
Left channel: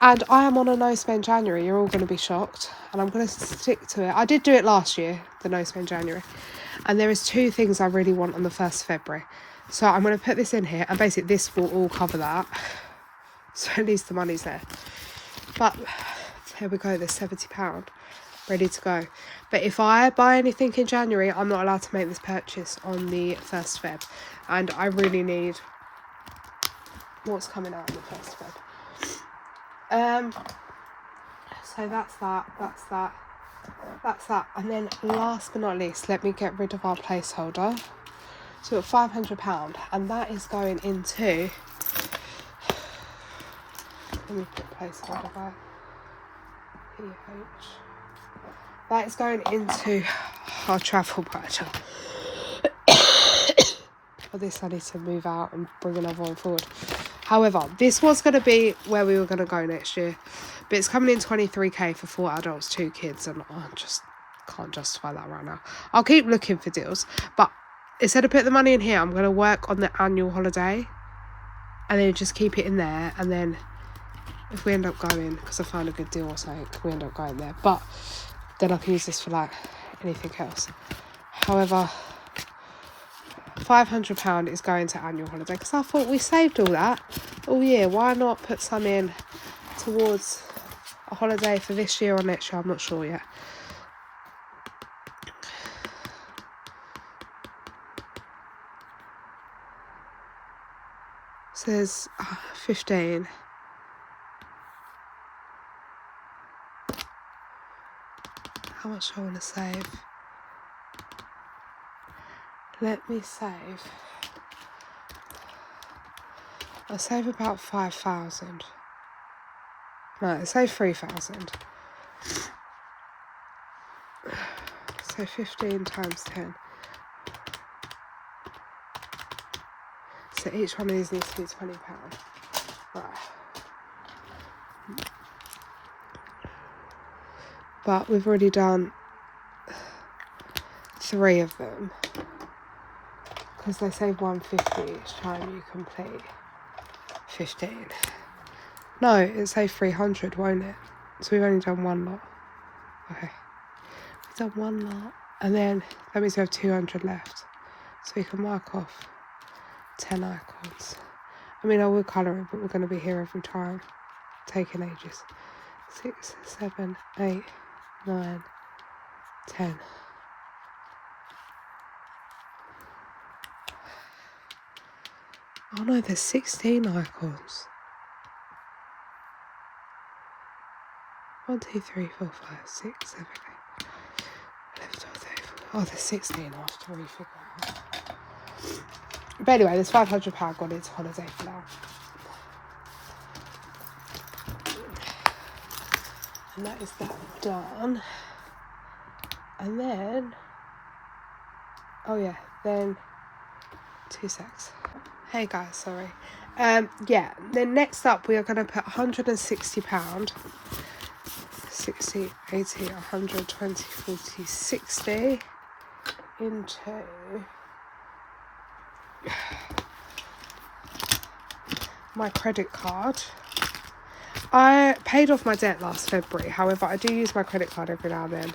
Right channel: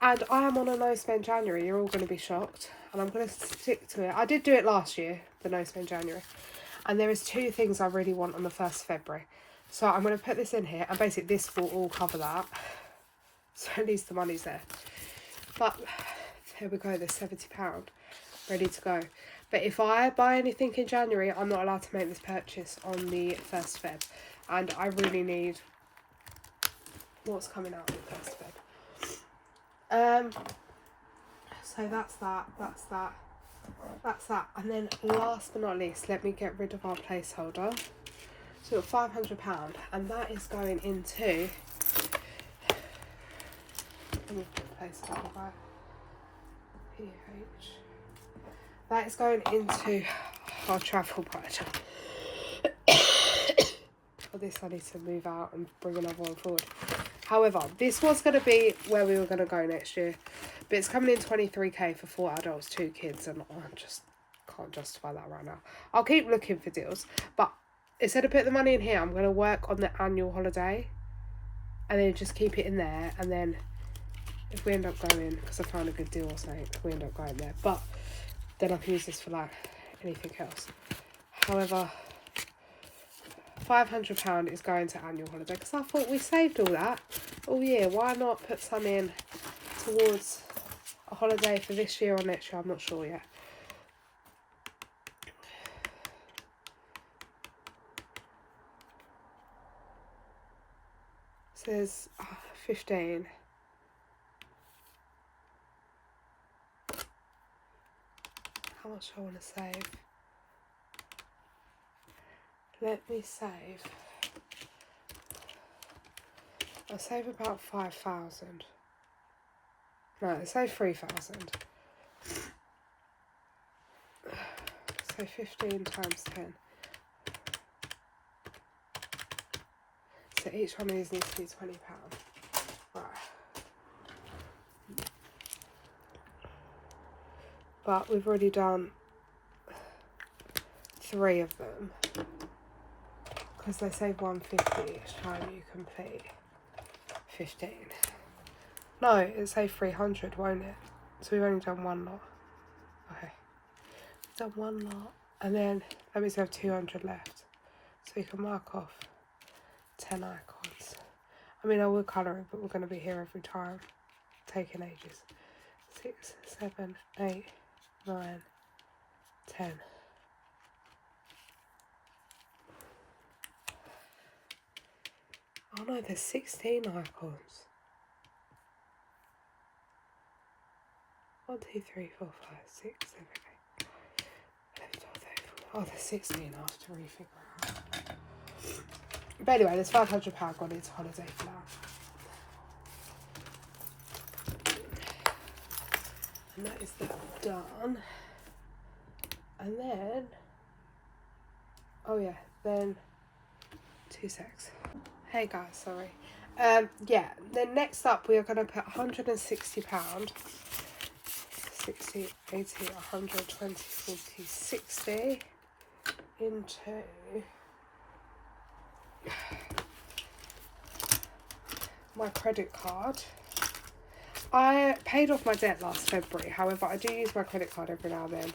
and I am on a no spend January. You're all going to be shocked, and I'm going to stick to it. I did do it last year, the no spend January. And there is 2 things I really want on the 1st of February. So I'm going to put this in here. And basically this will all cover that. So at least the money's there. But here we go. There's £70 ready to go. But if I buy anything in January, I'm not allowed to make this purchase on the 1st of Feb. And I really need what's coming out on the 1st of Feb. So that's that. That's that. And then last but not least, let me get rid of our placeholder. So £500, and that is going into, let me put placeholder by PH. That is going into our travel budget. For this I need to move out and bring another one forward. However, this was going to be where we were going to go next year, but it's coming in 23k for 4 adults, 2 kids, and I just can't justify that right now. I'll keep looking for deals, but instead of putting the money in here, I'm going to work on the annual holiday and then just keep it in there, and then if we end up going, because I find a good deal or something, we end up going there, but then I can use this for like anything else. However, £500 is going to annual holiday, because I thought we saved all that all year. Why not put some in towards a holiday for this year or next year? I'm not sure yet. Says 15. How much do I want to save? Let me save. I'll save about 5,000. No, I'll save 3,000. So 15 times 10. So each one of these needs to be £20. Right. But we've already done 3 of them, because they save 150 each time you complete 15. No, it saved 300, won't it? So we've only done 1 lot. Okay, we've done 1 lot, and then that means we have 200 left. So we can mark off 10 icons. I mean, I will colour it, but we're going to be here every time, taking ages. 6, 7, 8, 9, 10. Oh no, there's 16 icons. 1, 2, 3, 4, 5, 6, 7, 8, 11, 12, 13, 14. Oh, there's 16. I'll have to refigure it out. But anyway, there's £500 gone into holiday for now. And that is that done. And then, oh yeah, then 2 secs. Hey guys, sorry. Yeah, then next up we are going to put £160, 60, 80, 100, 20, 40, 60 into my credit card. I paid off my debt last February, however I do use my credit card every now and then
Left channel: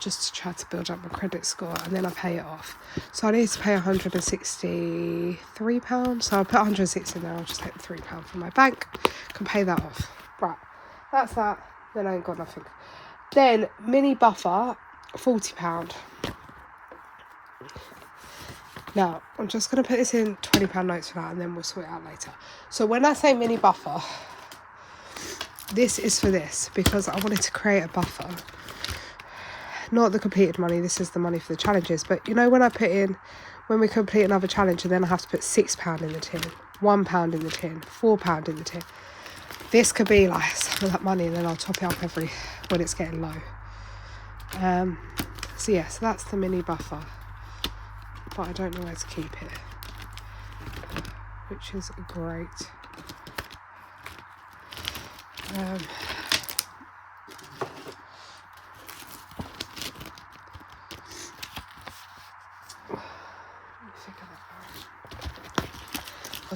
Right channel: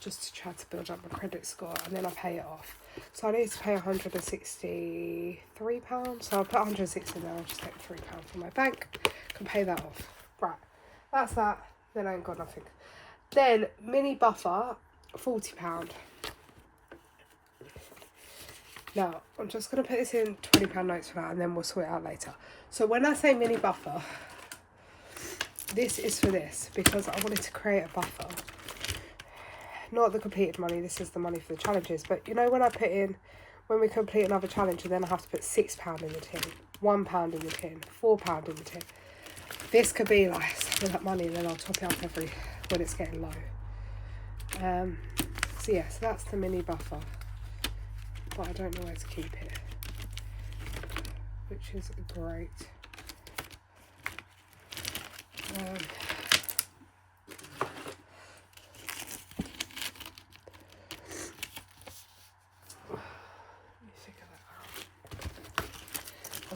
just to try to build up my credit score, and then I pay it off. So I need to pay £163, so I'll put 160 in there. I'll just take the £3 from my bank, can pay that off. Right, that's that. Then I ain't got nothing. Then mini buffer, £40. Now I'm just going to put this in £20 notes for now, and then we'll sort it out later. So when I say mini buffer, this is for this, because I wanted to create a buffer. Not the completed money, this is the money for the challenges. But you know, when we complete another challenge, and then I have to put £6 in the tin, £1 in the tin, £4 in the tin. This could be like some of that money, and then I'll top it up when it's getting low. So yeah, so that's the mini buffer. But I don't know where to keep it, which is great. I'll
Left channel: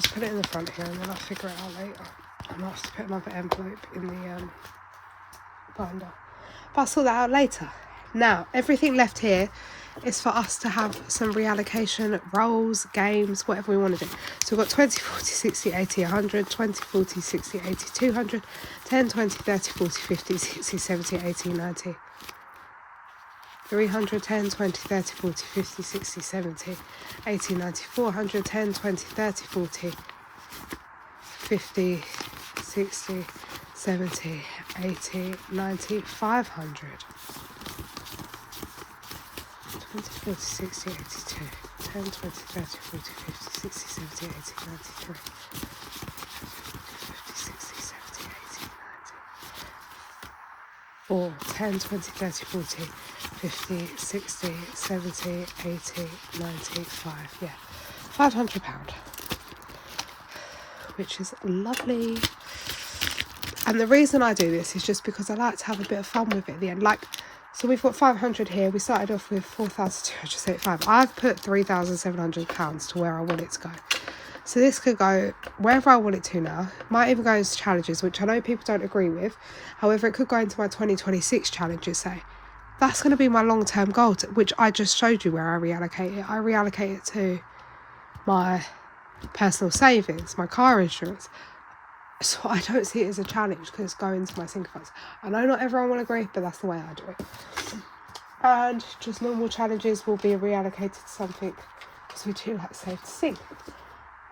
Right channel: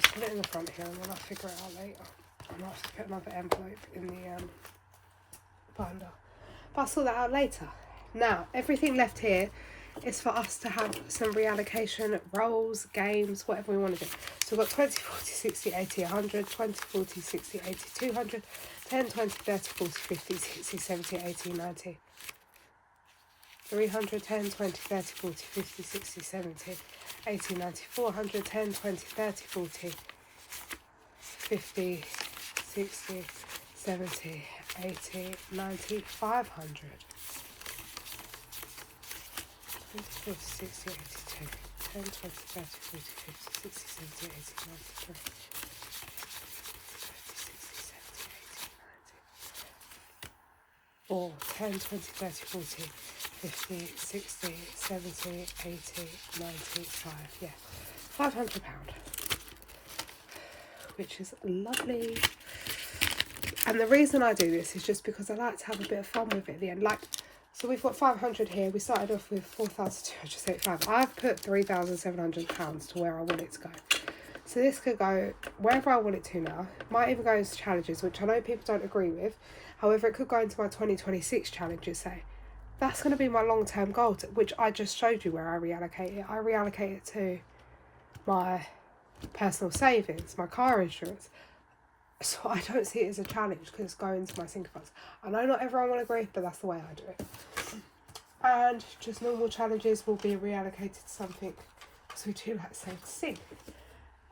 just put it in the front here, and then I'll figure it out later. And I'll have to put another envelope in the binder. But I'll sort that out later. Now, everything left here is for us to have some reallocation, roles, games, whatever we want to do. So we've got 20, 40, 60, 80, 100, 20, 40, 60, 80, 200, 10, 20, 30, 40, 50, 60, 70, 80, 90. 300, 10, 20, 30, 40, 50, 60, 70, 80, 90, 400, 10, 20, 30, 40, 50, 60, 70, 80, 90, 500. 20, 40, 60, 82, 10, 20, 30, 40, 50, 60, 70, 80, 90, 50, 60, 70, 80, 90. Or 10, 20, 30, 40, 50, 60, 70, 80, 95. Yeah, £500. Which is lovely. And the reason I do this is just because I like to have a bit of fun with it at the end. Like, so we've got 500 here. We started off with 4,275. I've put £3,700 to where I want it to go. So this could go wherever I want it to now. Might even go into challenges, which I know people don't agree with. However, it could go into my 2026 challenges, say. That's going to be my long-term goal, which I just showed you where I reallocate it. I reallocate it to my personal savings, my car insurance. So I don't see it as a challenge because it's going to my single funds. I know not everyone will agree, but that's the way I do it. And just normal challenges will be reallocated to something because we do like Save to Sing.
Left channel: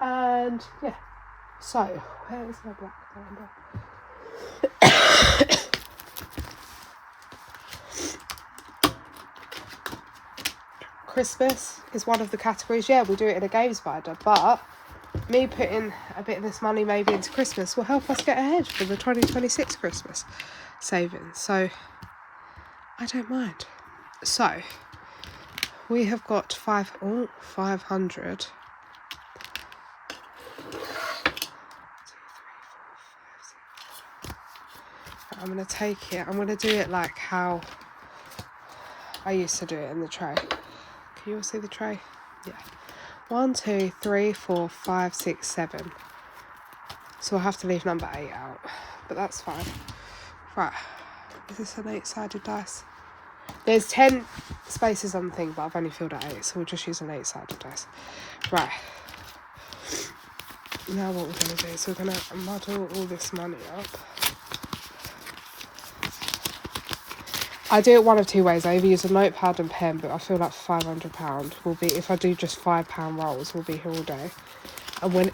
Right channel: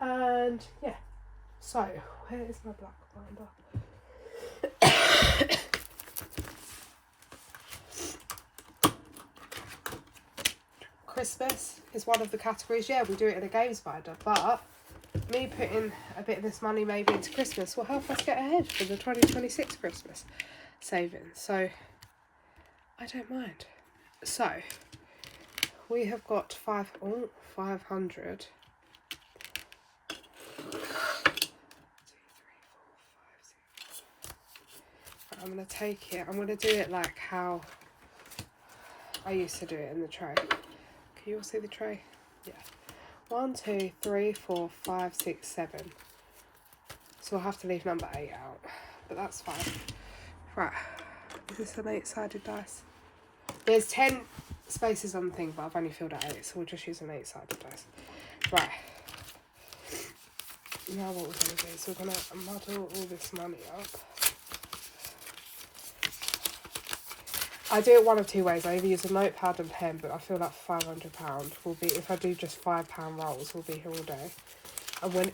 And yeah, so where is my black binder? Christmas is one of the categories. Yeah, we do it in a games binder, but me putting a bit of this money maybe into Christmas will help us get ahead for the 2026 Christmas savings. So I don't mind. So we have got 500. I'm going to take it. I'm going to do it like how I used to do it in the tray. Can you all see the tray? Yeah. 1, 2, 3, 4, 5, 6, 7. So I'll have to leave number 8 out, but that's fine. Right. Is this an 8-sided dice? There's 10 spaces on the thing, but I've only filled out 8, so we'll just use an 8-sided dice. Right. Now what we're going to do is we're going to muddle all this money up. I do it one of two ways. I either use a notepad and pen, but I feel like £500 will be, if I do just £5 rolls, will be here all day. And when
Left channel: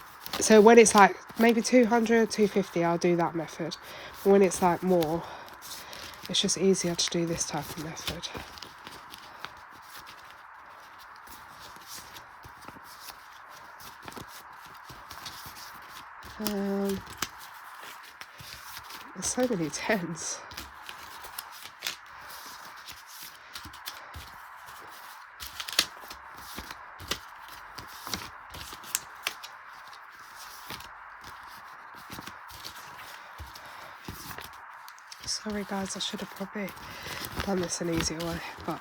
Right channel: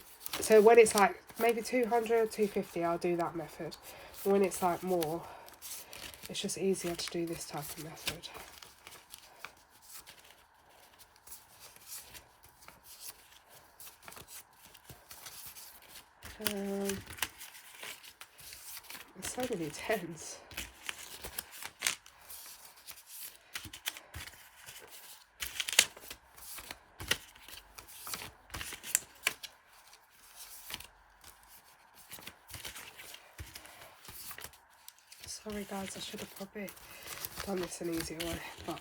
it's like maybe 200, 250, I'll do that method. But when it's like more, it's just easier to do this type of method. There's so many tens. Sorry guys, I should have probably done this an easier way, but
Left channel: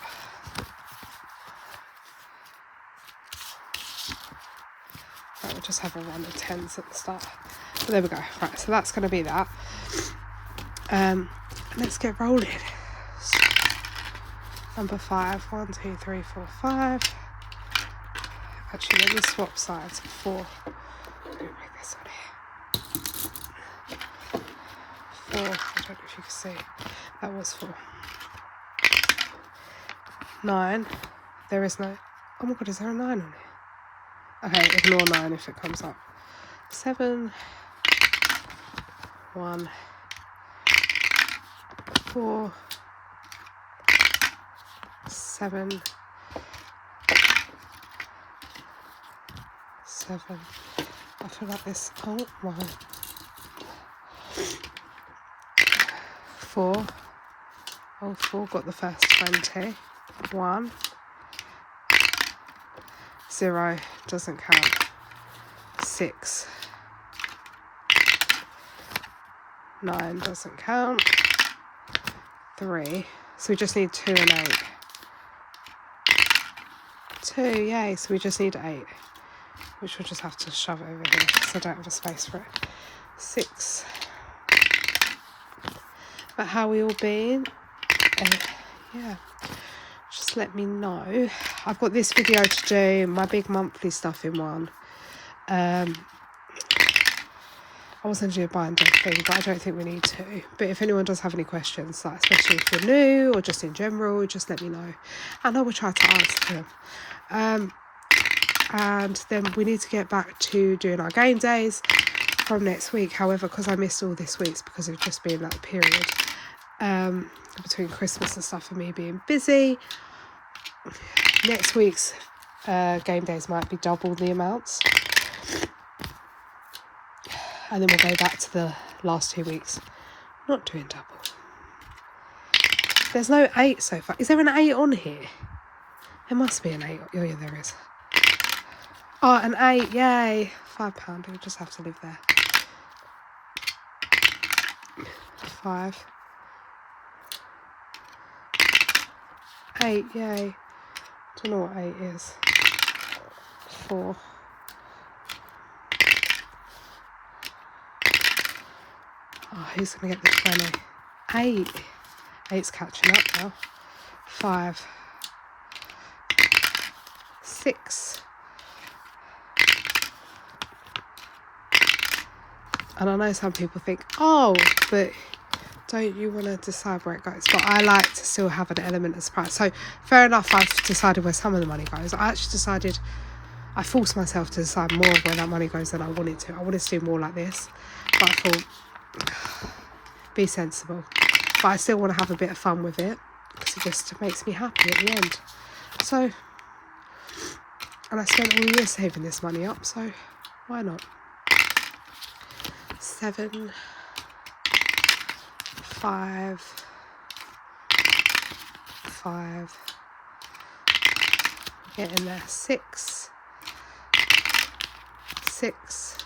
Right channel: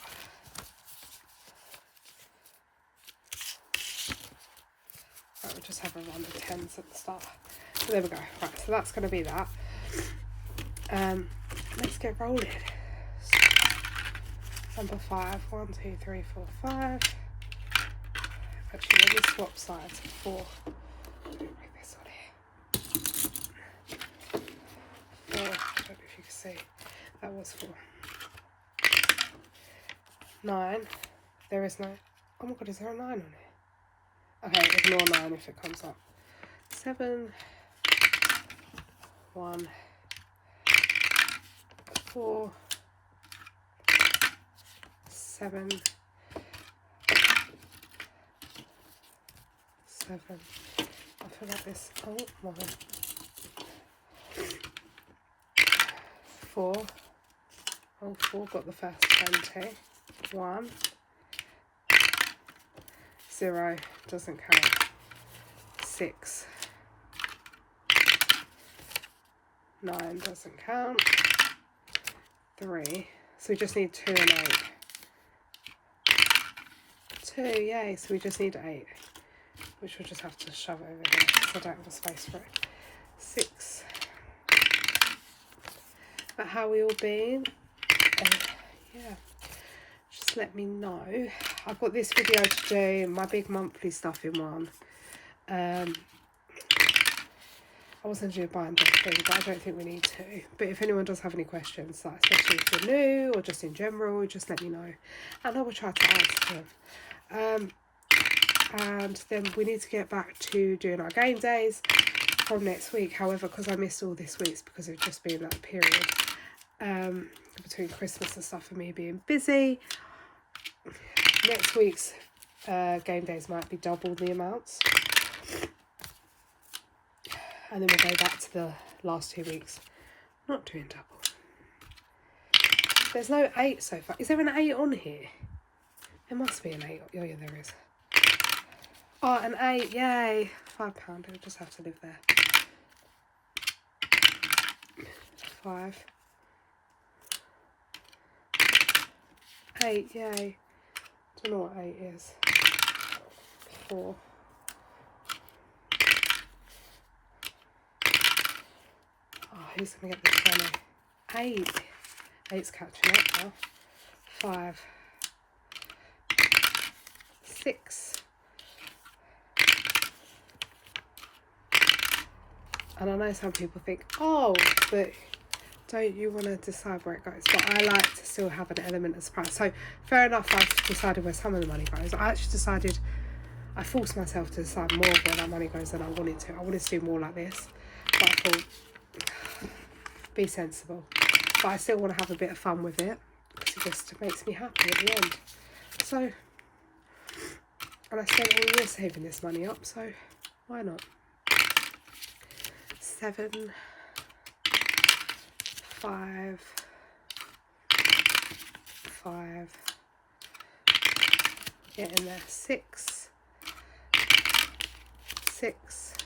we'll just have a run of tens at the start. But there we go. Right, so that's going to be that. Let's get rolling. So, number 5. 1, 2, 3, 4, 5. Actually, let me swap sides. 4. Let me bring this on here. 4. I don't know if you can see. That was 4. 9. There is no. Oh my god, is there a 9 on here? Okay, ignore 9 if it comes up. 7. 1. 4. 7. 7. I feel like this. Oh my. 4. Oh, 4 got the first 20. 1. 0 doesn't count. 6. 9 doesn't count. 3. So we just need 2 and 8. 2, yay. So we just need 8. Which we'll just have to shove it over here because I don't have a space for it. 6. But how we all been? Yeah. Just let me know. I've got this video to do, my big monthly stuff in one. I was going to do a binder thing, but I don't think we need to. But if anyone does have any questions, like especially if you're new or just in general, just let me know. And I will try to answer them. And then we need to get back to doing our game days from next week. However, because I missed all this week's because of just being that period between Christmas and stuff and me being busy. Next week's game days might be double the amounts. And then we'll go back to the last 2 weeks, not doing double. There's no 8 so far. Is there an 8 on here? There must be an 8. Oh yeah, there is. Oh, an 8, yay. £5, we'll just have to live there. 5. 8, yay. Don't know what 8 is. 4. Oh, who's going to get the 20? 8. 8's catching up now. 5. 6. And I know some people think, oh, but don't you want to decide where it goes? But I like to still have an element of surprise. So fair enough, I've decided where some of the money goes. I forced myself to decide more of where that money goes than I wanted to. I wanted to do more like this. But I thought, be sensible. But I still want to have a bit of fun with it, because it just makes me happy at the end. So, and I spent all year saving this money up, so why not? 7, 5, 5, get in there, 6, 6,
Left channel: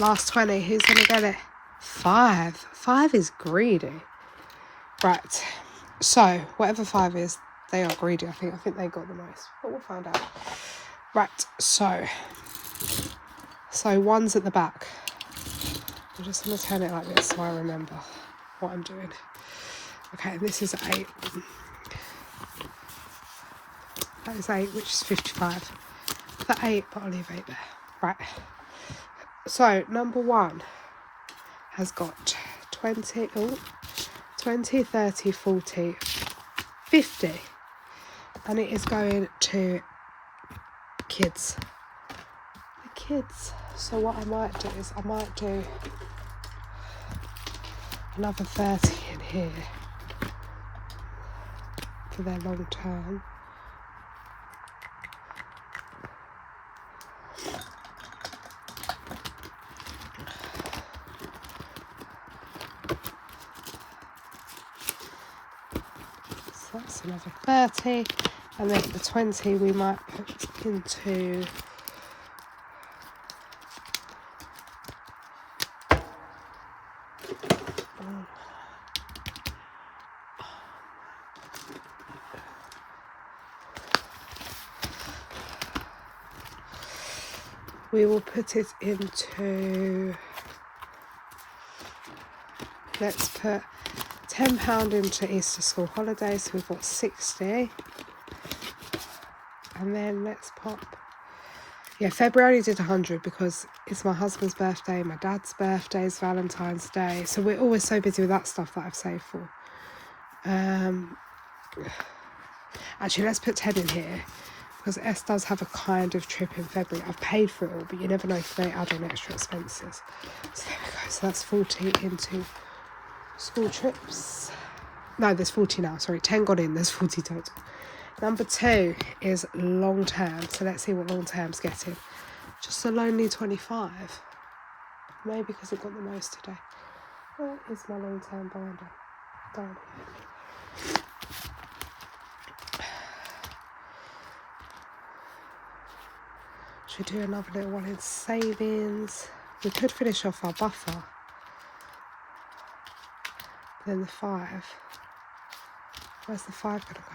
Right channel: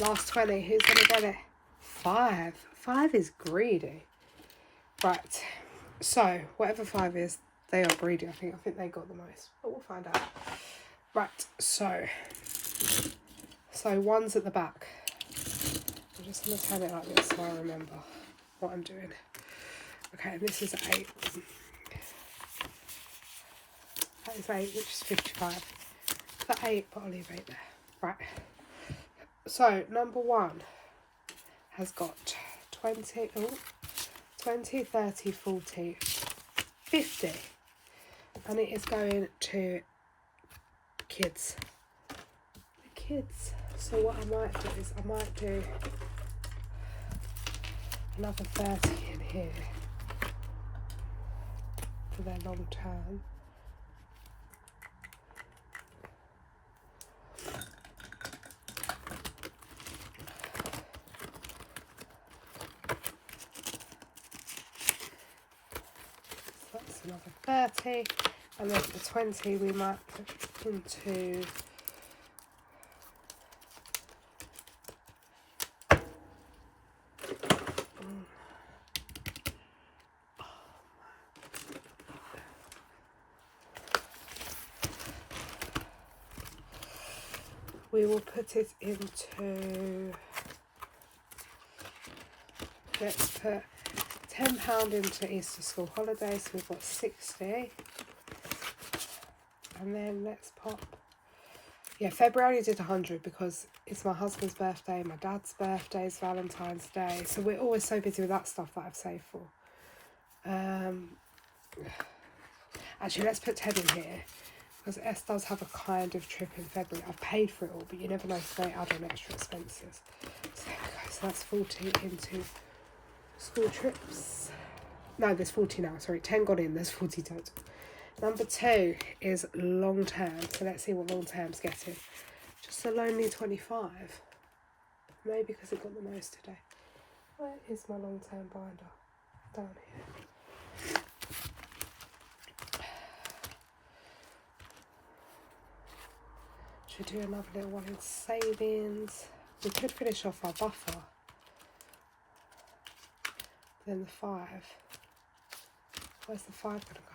last 20, who's going to get it? 5, 5 is greedy. Right, so whatever 5 is, they are greedy, I think they got the most, but we'll find out. Right, so 1's at the back. I'm just going to turn it like this so I remember what I'm doing. Okay, and this is 8. That is 8, which is 55. For 8, but I'll leave 8 there. Right. So, number 1 has got 20, 30, 40, 50. And it is going to kids. The kids. So what I might do is I might do another 30 in here for their long term. So that's another 30, and then the 20 we might put into we will put it into, let's put £10 into Easter school holidays, so we've got 60. And then let's pop, February did 100 because it's my husband's birthday, my dad's birthday is Valentine's Day, so we're always so busy with that stuff that I've saved for. Actually, let's put 10 in here, because S does have a kind of trip in February. I've paid for it all, but you never know if they add on extra expenses. So there we go. So that's 40 into school trips. No, there's 40 now. Sorry, 10 got in. There's 40 total. Number 2 is long term. So let's see what long term's getting. Just a lonely 25. Maybe because it got the most today. Where is my long term binder? Down here. Should we do another little one in savings? We could finish off our buffer. Then the 5. Where's the 5 going to go?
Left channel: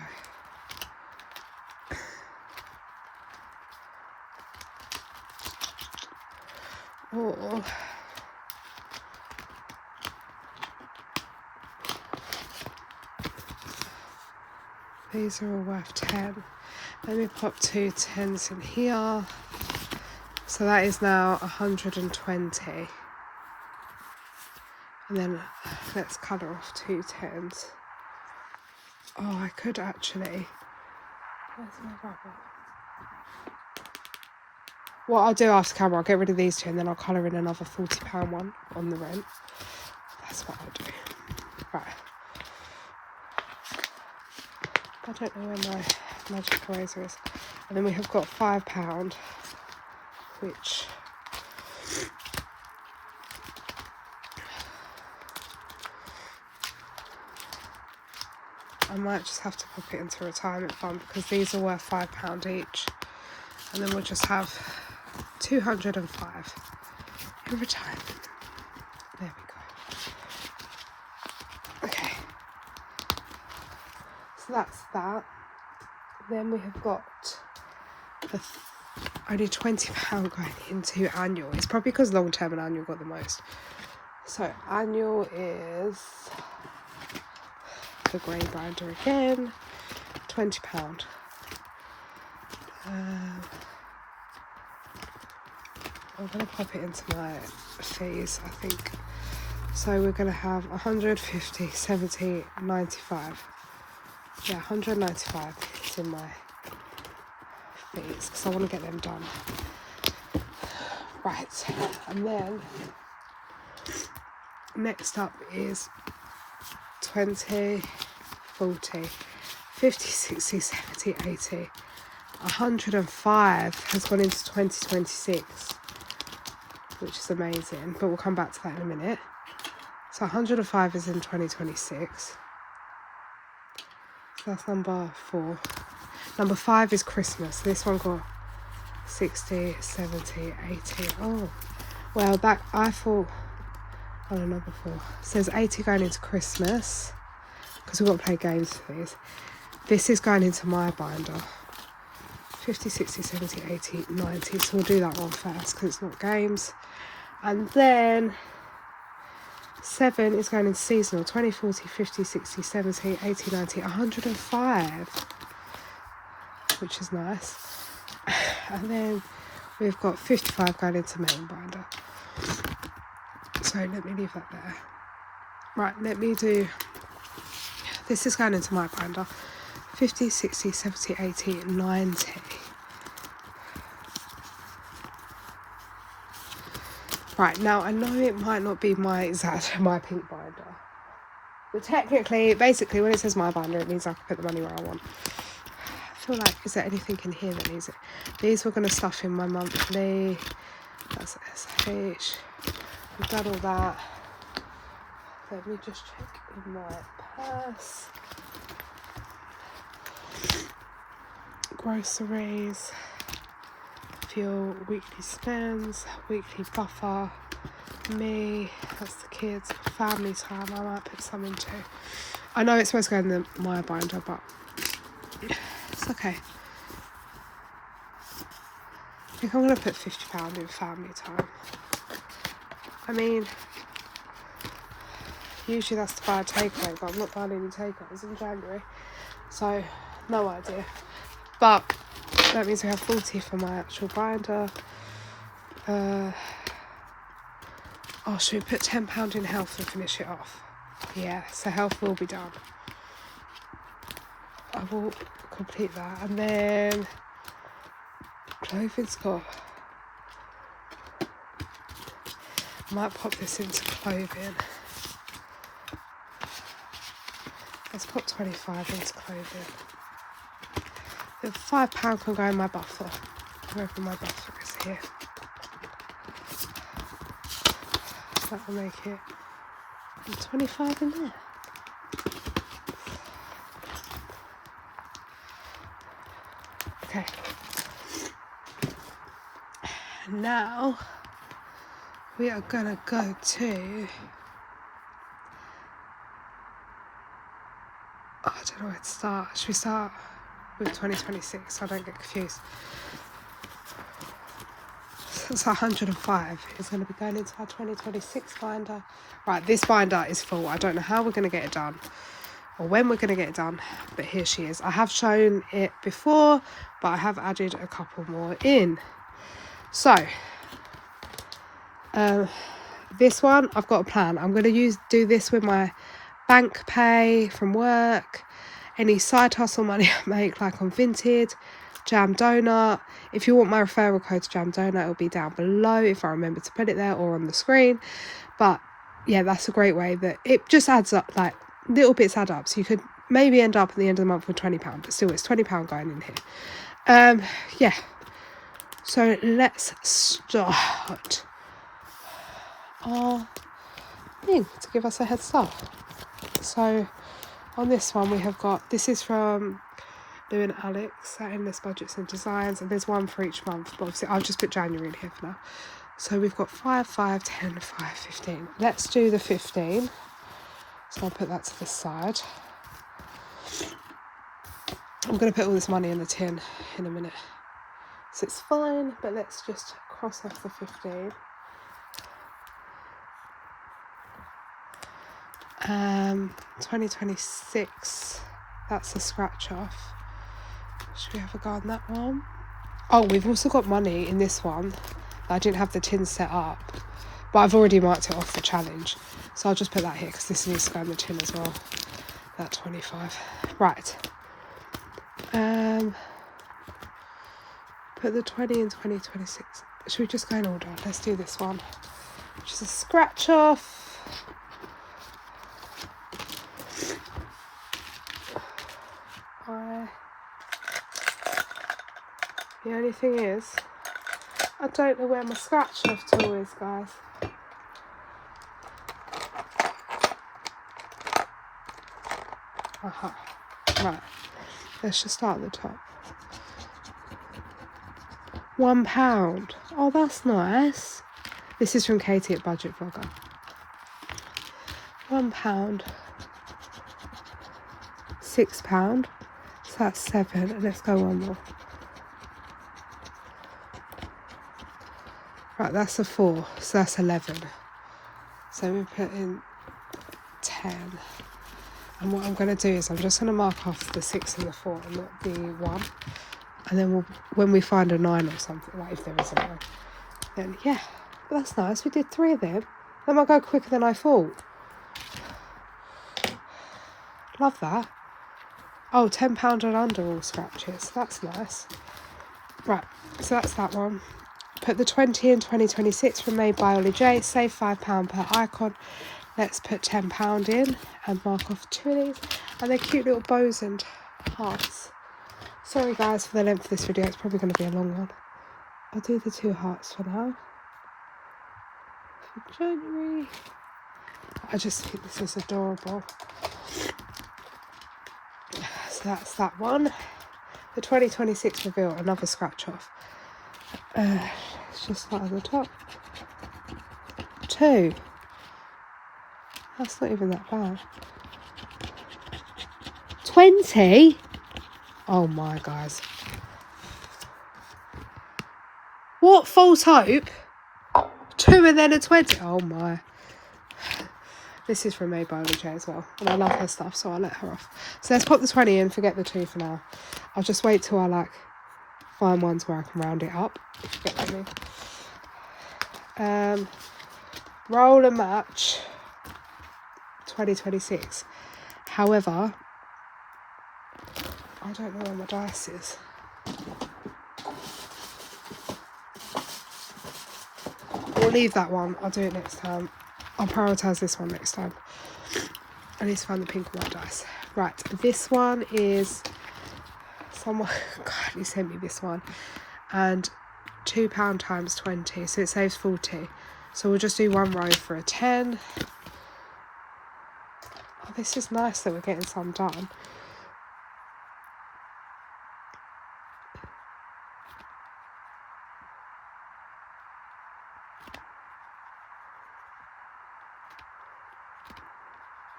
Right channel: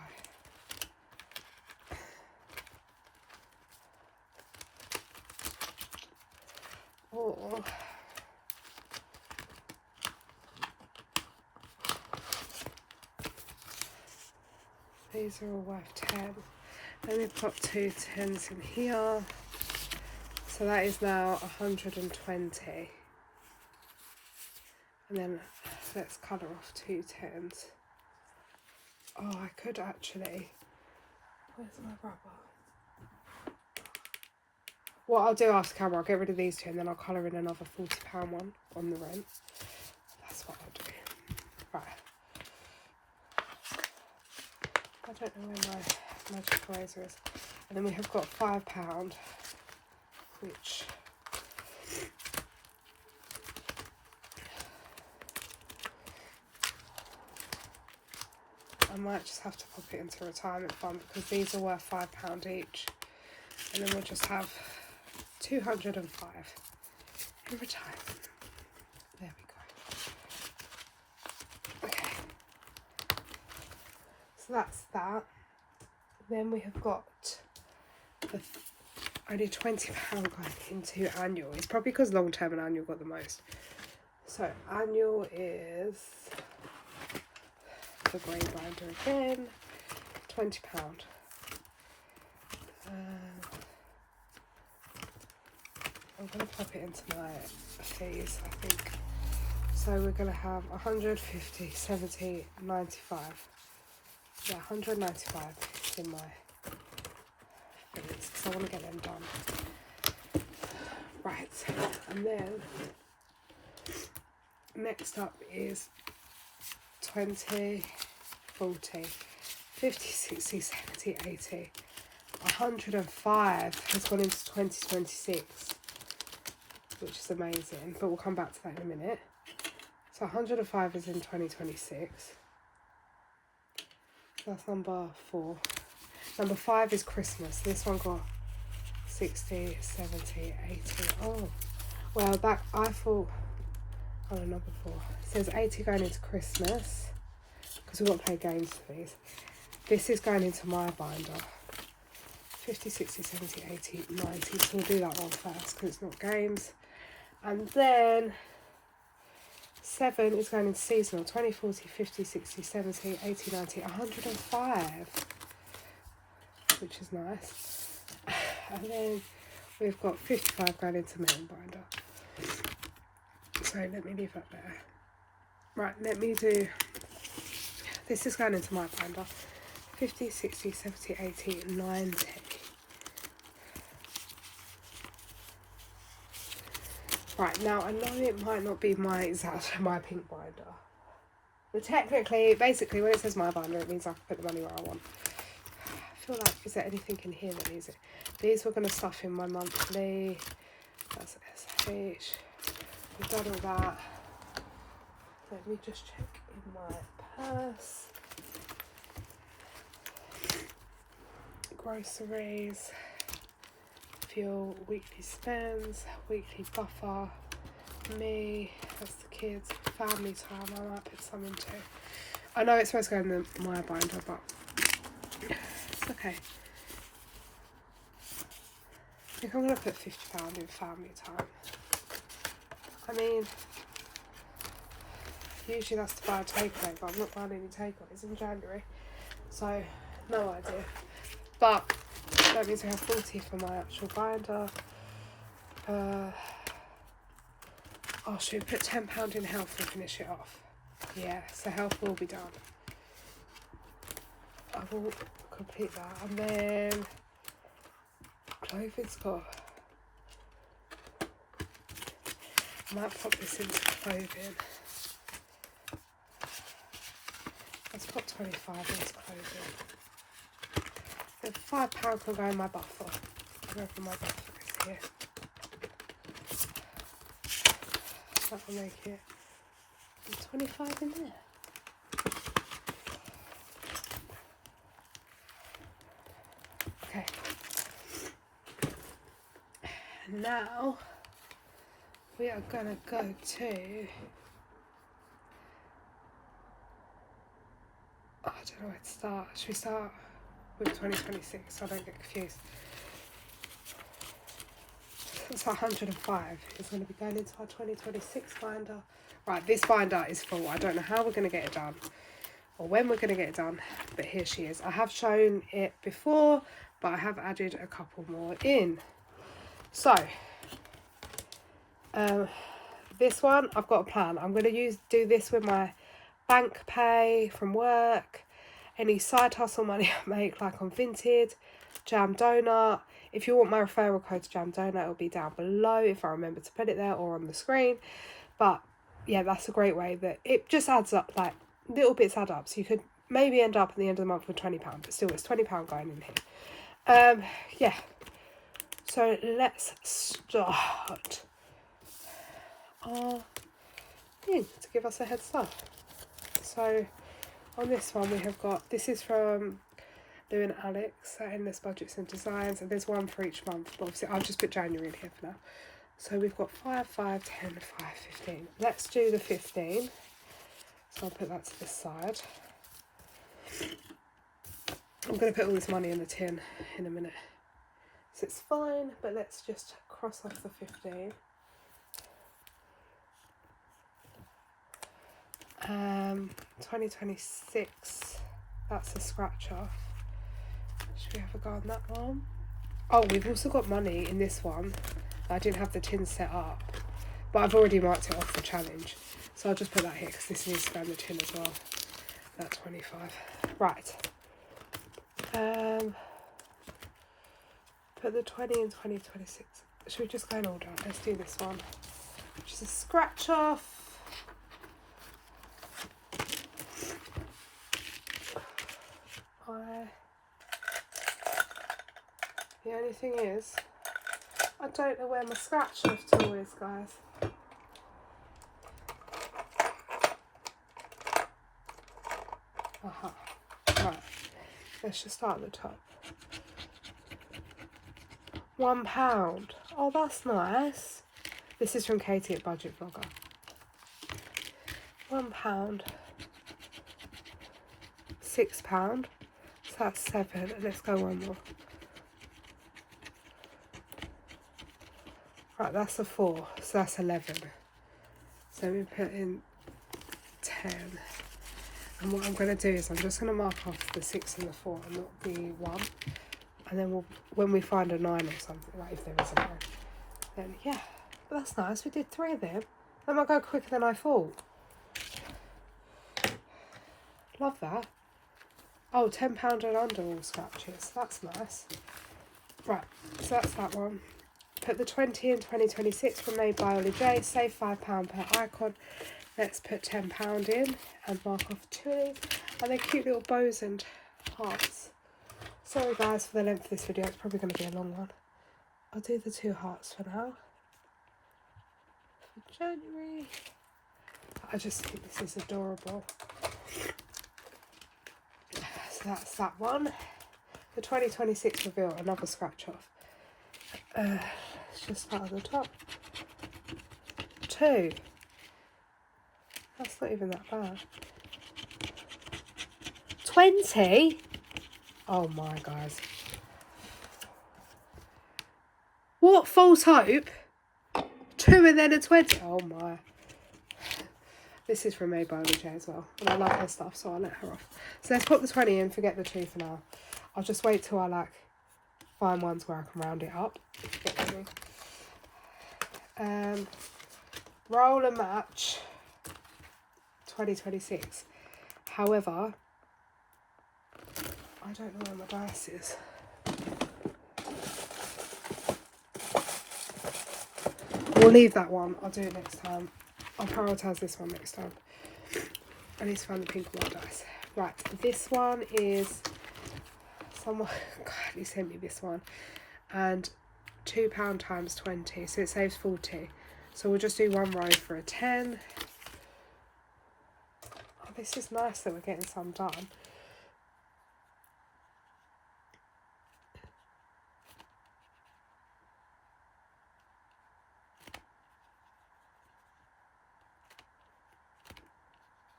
Or these are all worth 10. Let me pop 2 10s in here. So that is now 120. And then let's colour off 2 10s. Oh, I could actually. Where's my rubber? What I'll do after camera, I'll get rid of these 2 and then I'll colour in another £40 one on the rent. That's what I'll do. Right. I don't know where my magic eraser is. And then we have got £5, which I might just have to pop it into a retirement fund because these are worth £5 each. And then we'll just have 205 in retirement. There we go. Okay. So that's that. Then we have got the only £20 going into annual. It's probably because long term and annual got the most. So annual is the grey binder again, £20. I'm going to pop it into my fees, I think. So we're going to have 150, 70, 95. Yeah, 195 is in my fees because I want to get them done. Right, and then next up is 20, 40, 50, 60, 70, 80. 105 has gone into 2026, which is amazing, but we'll come back to that in a minute. So 105 is in 2026. So that's number 4. Number 5 is Christmas. This one got 60, 70, 80. Oh, well, that I thought. Oh, no, number 4. It says 80 going into Christmas because we've got to play games for these. This is going into my binder. 50, 60, 70, 80, 90. So we'll do that one first because it's not games. And then 7 is going into seasonal. 20, 40, 50, 60, 70, 80, 90, 105. Which is nice. And then we've got 55 going into main binder. So let me leave that there. Right, let me do, this is going into my binder. 50, 60, 70, 80, 90. Right, now I know it might not be my pink binder. But technically, basically when it says my binder, it means I can put the money where I want. I feel like, is there anything in here that needs it? These we're going to stuff in my monthly. That's SH. We've done all that. Let me just check in my purse. Groceries, fuel, weekly spends, weekly buffer, me, that's the kids, family time, I might put some in too. I know it's supposed to go in my binder, but it's okay. I think I'm going to put £50 in family time. I mean, usually that's to buy a takeaway, but I'm not buying any takeaways in January, so no idea. But that means we have 40 for my actual binder. Oh, should we put £10 in health and finish it off? Yeah, so health will be done. I will complete that. And then clothing's got, I might pop this into clothing. Let's put 25 into clothing. The £5 can go in my buffer. Wherever my buffer is here. That will make it 25 in there. Okay. Now we are gonna go to. Oh, I don't know where to start. Should we start with 2026 so I don't get confused? It's 105. It's going to be going into our 2026 binder. Right, this binder is full. I don't know how we're going to get it done or when we're going to get it done, but here she is. I have shown it before, but I have added a couple more in. So, this one, I've got a plan. I'm going to do this with my bank pay from work, any side hustle money I make, like on Vinted, Jam Donut. If you want my referral code to Jam Donut, it'll be down below if I remember to put it there or on the screen. But yeah, that's a great way that it just adds up, like little bits add up. So you could maybe end up at the end of the month with £20, but still it's £20 going in here. Yeah. So let's start our thing to give us a head start. So on this one we have got, this is from Lou and Alex at Endless Budgets and Designs, and there's one for each month, but obviously I've just put January in here for now. So we've got 5, 5, 10, 5, 15. Let's do the 15. So I'll put that to this side. I'm going to put all this money in the tin in a minute. So it's fine, but let's just cross off the 15. 2026, that's a scratch off. Should we have a go on that one? Oh, we've also got money in this one. I didn't have the tin set up, but I've already marked it off the challenge. So I'll just put that here because this needs to go in the tin as well. That 25. Right. Put the 20 in 2026. Should we just go in order? Let's do this one, which is a scratch off. The only thing is, I don't know where my scratch off tool is, guys. Right, let's just start at the top. £1. Oh, that's nice. This is from Katie at Budget Vlogger. £1. £6. So that's 7. And let's go one more. Right, that's a 4. So that's 11. So we put in 10. And what I'm going to do is I'm just going to mark off the 6 and the 4 and not the 1. And then when we find a 9 or something, like if there is a 9, then yeah. But that's nice. We did 3 of them. That might go quicker than I thought. Love that. Oh, £10 and under all scratches. That's nice. Right, so that's that one. Put the 20 in 2026 from Made by Ollie J. Save £5 per icon. Let's put £10 in and mark off 2 of these. And they're cute little bows and hearts. Sorry guys for the length of this video. It's probably going to be a long one. I'll do the 2 hearts for now. For January. I just think this is adorable. So that's that one. The 2026 reveal, another scratch off. It's just not on the top. 2. That's not even that bad. 20? Oh my, guys. What false hope? 2 and then a 20. Oh my. This is from Made by Ollie J as well. And I love her stuff, so I'll let her off. So let's pop the 20 in, forget the 2 for now. I'll just wait till I find ones where I can round it up. Roll and match 2026. However, I don't know where my dice is. We'll leave that one. I'll do it next time. I'll prioritise this one next time. I need to find the pink and white dice. Right, this one is someone. God, he sent me this one, and £2 times 20, so it saves 40. So we'll just do 1 row for a 10. Oh, this is nice that we're getting some done.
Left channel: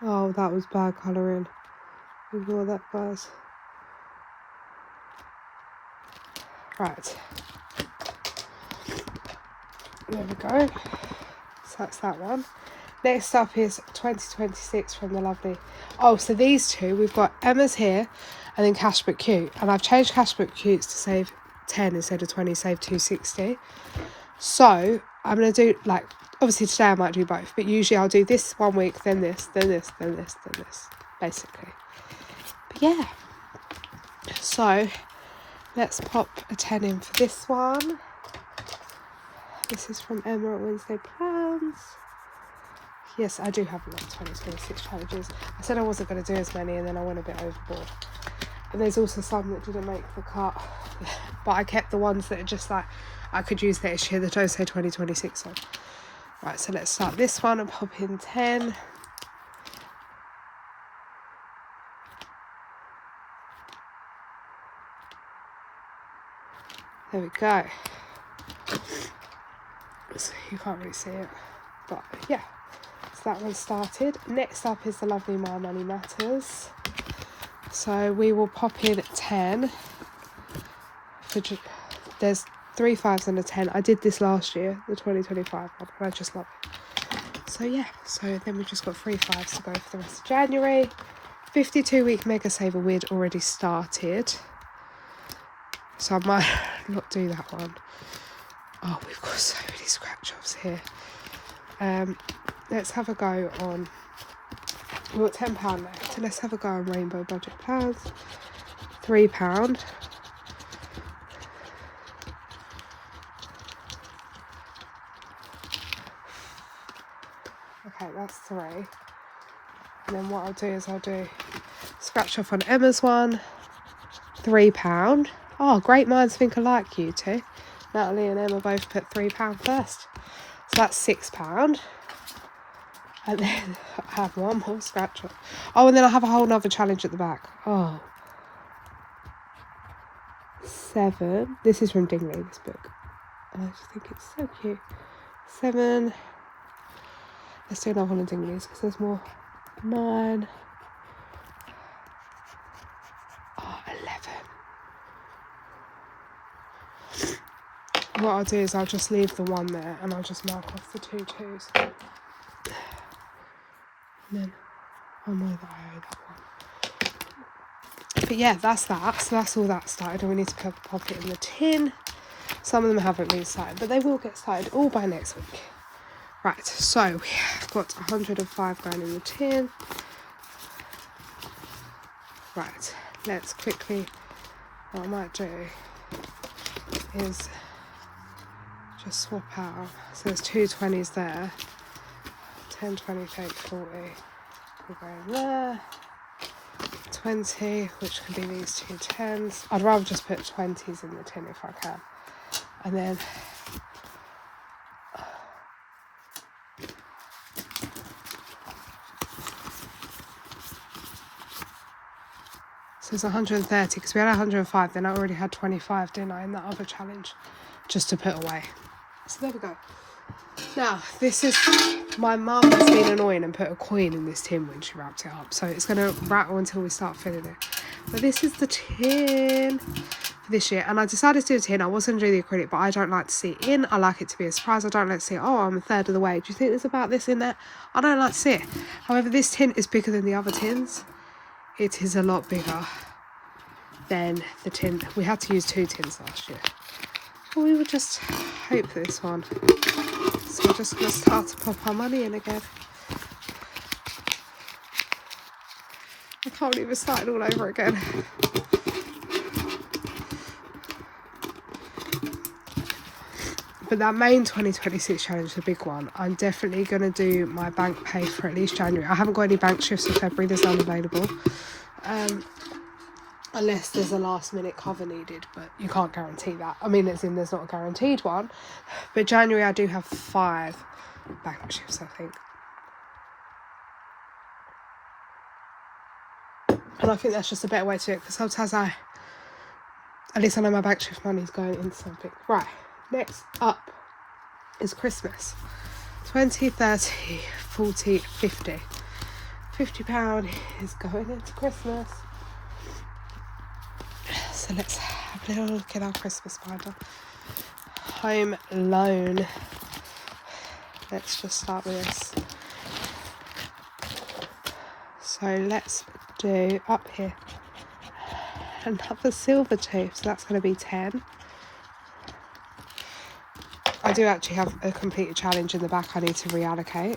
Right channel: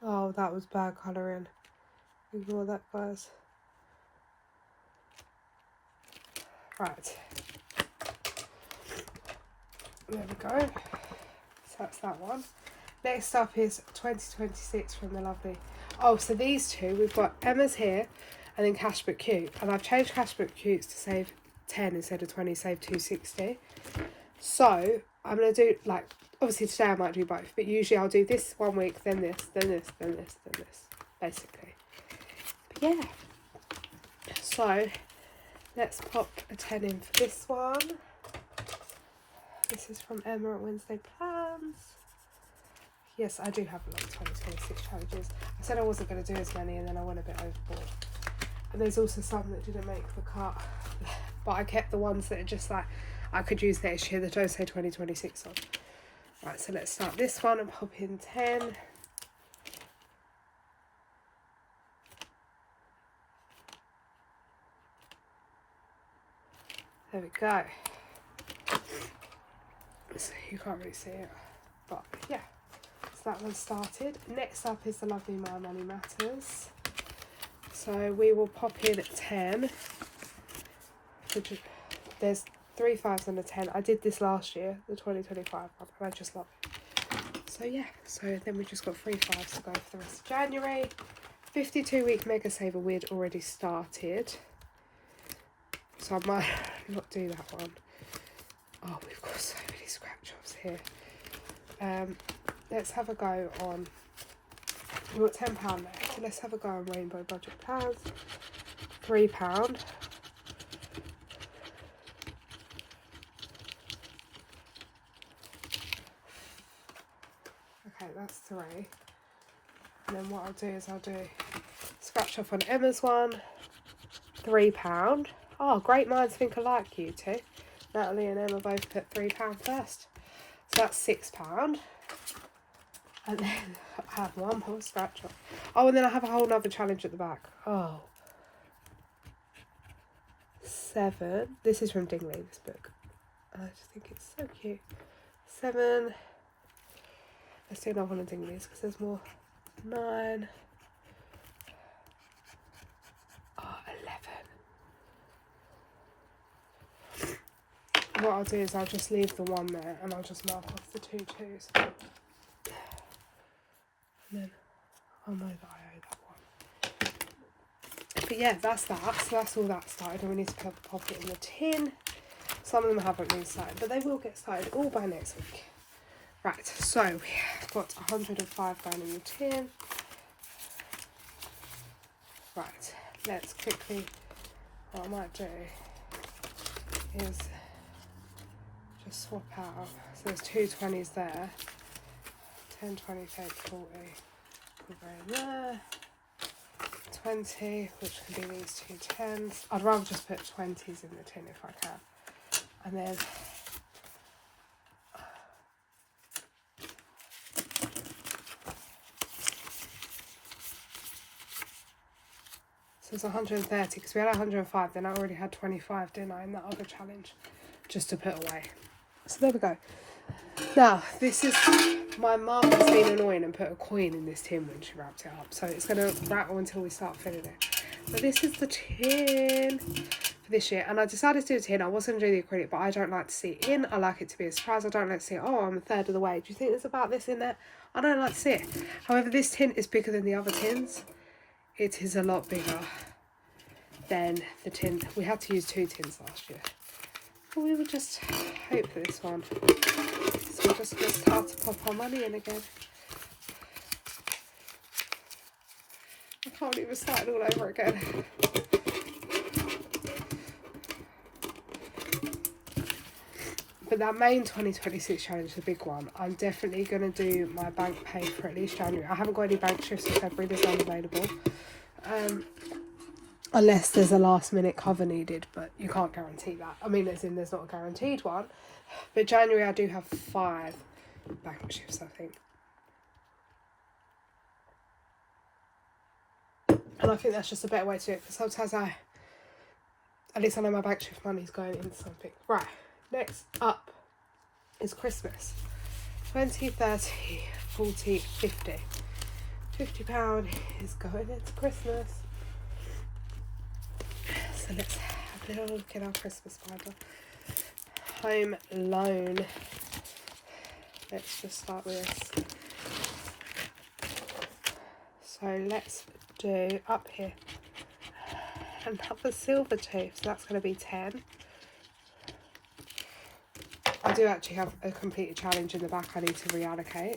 Oh, that was bad colouring. Ignore that, guys. Right. There we go. So that's that one. Next up is 2026 from the lovely... Oh, so these 2, we've got Emma's here and then Cashbook Cute. And I've changed Cashbook Cute to save 10 instead of 20, save 260. So I'm going to do, obviously today I might do both, but usually I'll do this 1 week, then this, then this, then this, then this, basically. But yeah. So let's pop a 10 in for this one. This is from Emma at Wednesday Plans. Yes, I do have a lot of 2026 challenges. I said I wasn't going to do as many and then I went a bit overboard. And there's also some that didn't make the cut, but I kept the ones that are just like I could use next year that don't say 2026 on. Right, so let's start this one and pop in 10. There we go. So you can't really see it, but yeah. So that one started. Next up is the lovely My Money Matters. So we will pop in 10. There's 3 5s and a 10. I did this last year, the 2025 one, and I just love it. So yeah, so then we've just got 3 5s to go for the rest of January. 52-week Mega Saver we'd already started, so I might not do that one. Oh, we've got so many scratch offs here. Let's have a go on, we've got £10 left, so let's have a go on Rainbow Budget Plans. £3. Okay, that's 3. And then what I'll do is I'll do scratch off on Emma's one, £3. Oh, great minds think alike, you two. Natalie and Emma both put £3 first. So that's £6. And then I have one more scratch off. Oh, and then I have a whole nother challenge at the back. Oh. 7. This is from Dingley, this book. And I just think it's so cute. 7. Let's do another one of Dingley's because there's more. 9. Oh, 11. What I'll do is I'll just leave the 1 there and I'll just mark off the 2 2s. And then I'll know that I owe that one. But yeah, that's that. So that's all that started, and we need to pop it in the tin. Some of them haven't really started, but they will get started all by next week. Right, so we have got 105 grand in the tin. Right, let's quickly, what I might do is just swap out. So there's 2 20s there. 10, 20, 30, 40. We'll go in there. 20, which can be these 2 10s. I'd rather just put 20s in the tin if I can. And then so it's 130 because we had 105, then I already had 25, didn't I, in that other challenge, just to put away. So there we go. Now, this is, my mum has been annoying and put a coin in this tin when she wrapped it up, so it's going to rattle until we start filling it. But this is the tin for this year, and I decided to do a tin. I wasn't going to do the acrylic, but I don't like to see it in. I like it to be a surprise. I don't like to see, oh, I'm a third of the way. Do you think there's about this in there? I don't like to see it. However, this tin is bigger than the other tins. It is a lot bigger than the tin. We had to use 2 tins last year. But we would just hope for this one. So we're just going to start to pop our money in again. I can't believe we're starting all over again. But that main 2026 challenge, the big one, I'm definitely going to do my bank pay for at least January. I haven't got any bank shifts for February, there's none available. Unless there's a last minute cover needed, but you can't guarantee that. I mean, there's not a guaranteed one. But January I do have 5 bank shifts, I think. And I think that's just a better way to do it, because sometimes at least I know my bank shift money is going into something. Right, next up is Christmas. 20, 30, 40, 50. £50 is going into Christmas. So let's have a little look at our Christmas binder. Home Loan. Let's just start with this. So let's do up here another silver tooth. So that's going to be 10. I do actually have a completed challenge in the back I need to reallocate.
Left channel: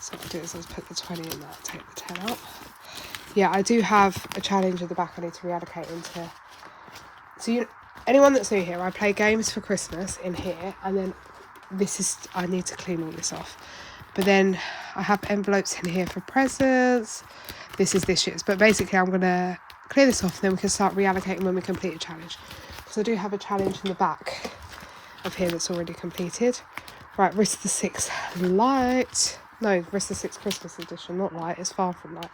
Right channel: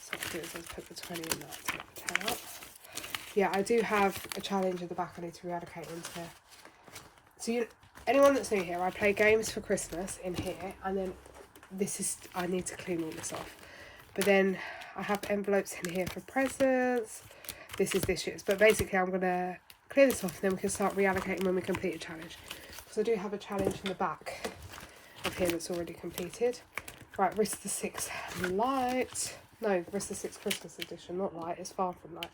So what I do is I put the 20 in there, take the 10 out. Yeah, I do have a challenge in the back I need to reallocate into. So anyone that's new here, I play games for Christmas in here, and then I need to clean all this off. But then I have envelopes in here for presents. This is this year's, but basically I'm going to clear this off, and then we can start reallocating when we complete a challenge. Because I do have a challenge in the back of here that's already completed. Right, Risk the 6 Light. No, Risk the 6 Christmas edition, not light, it's far from light.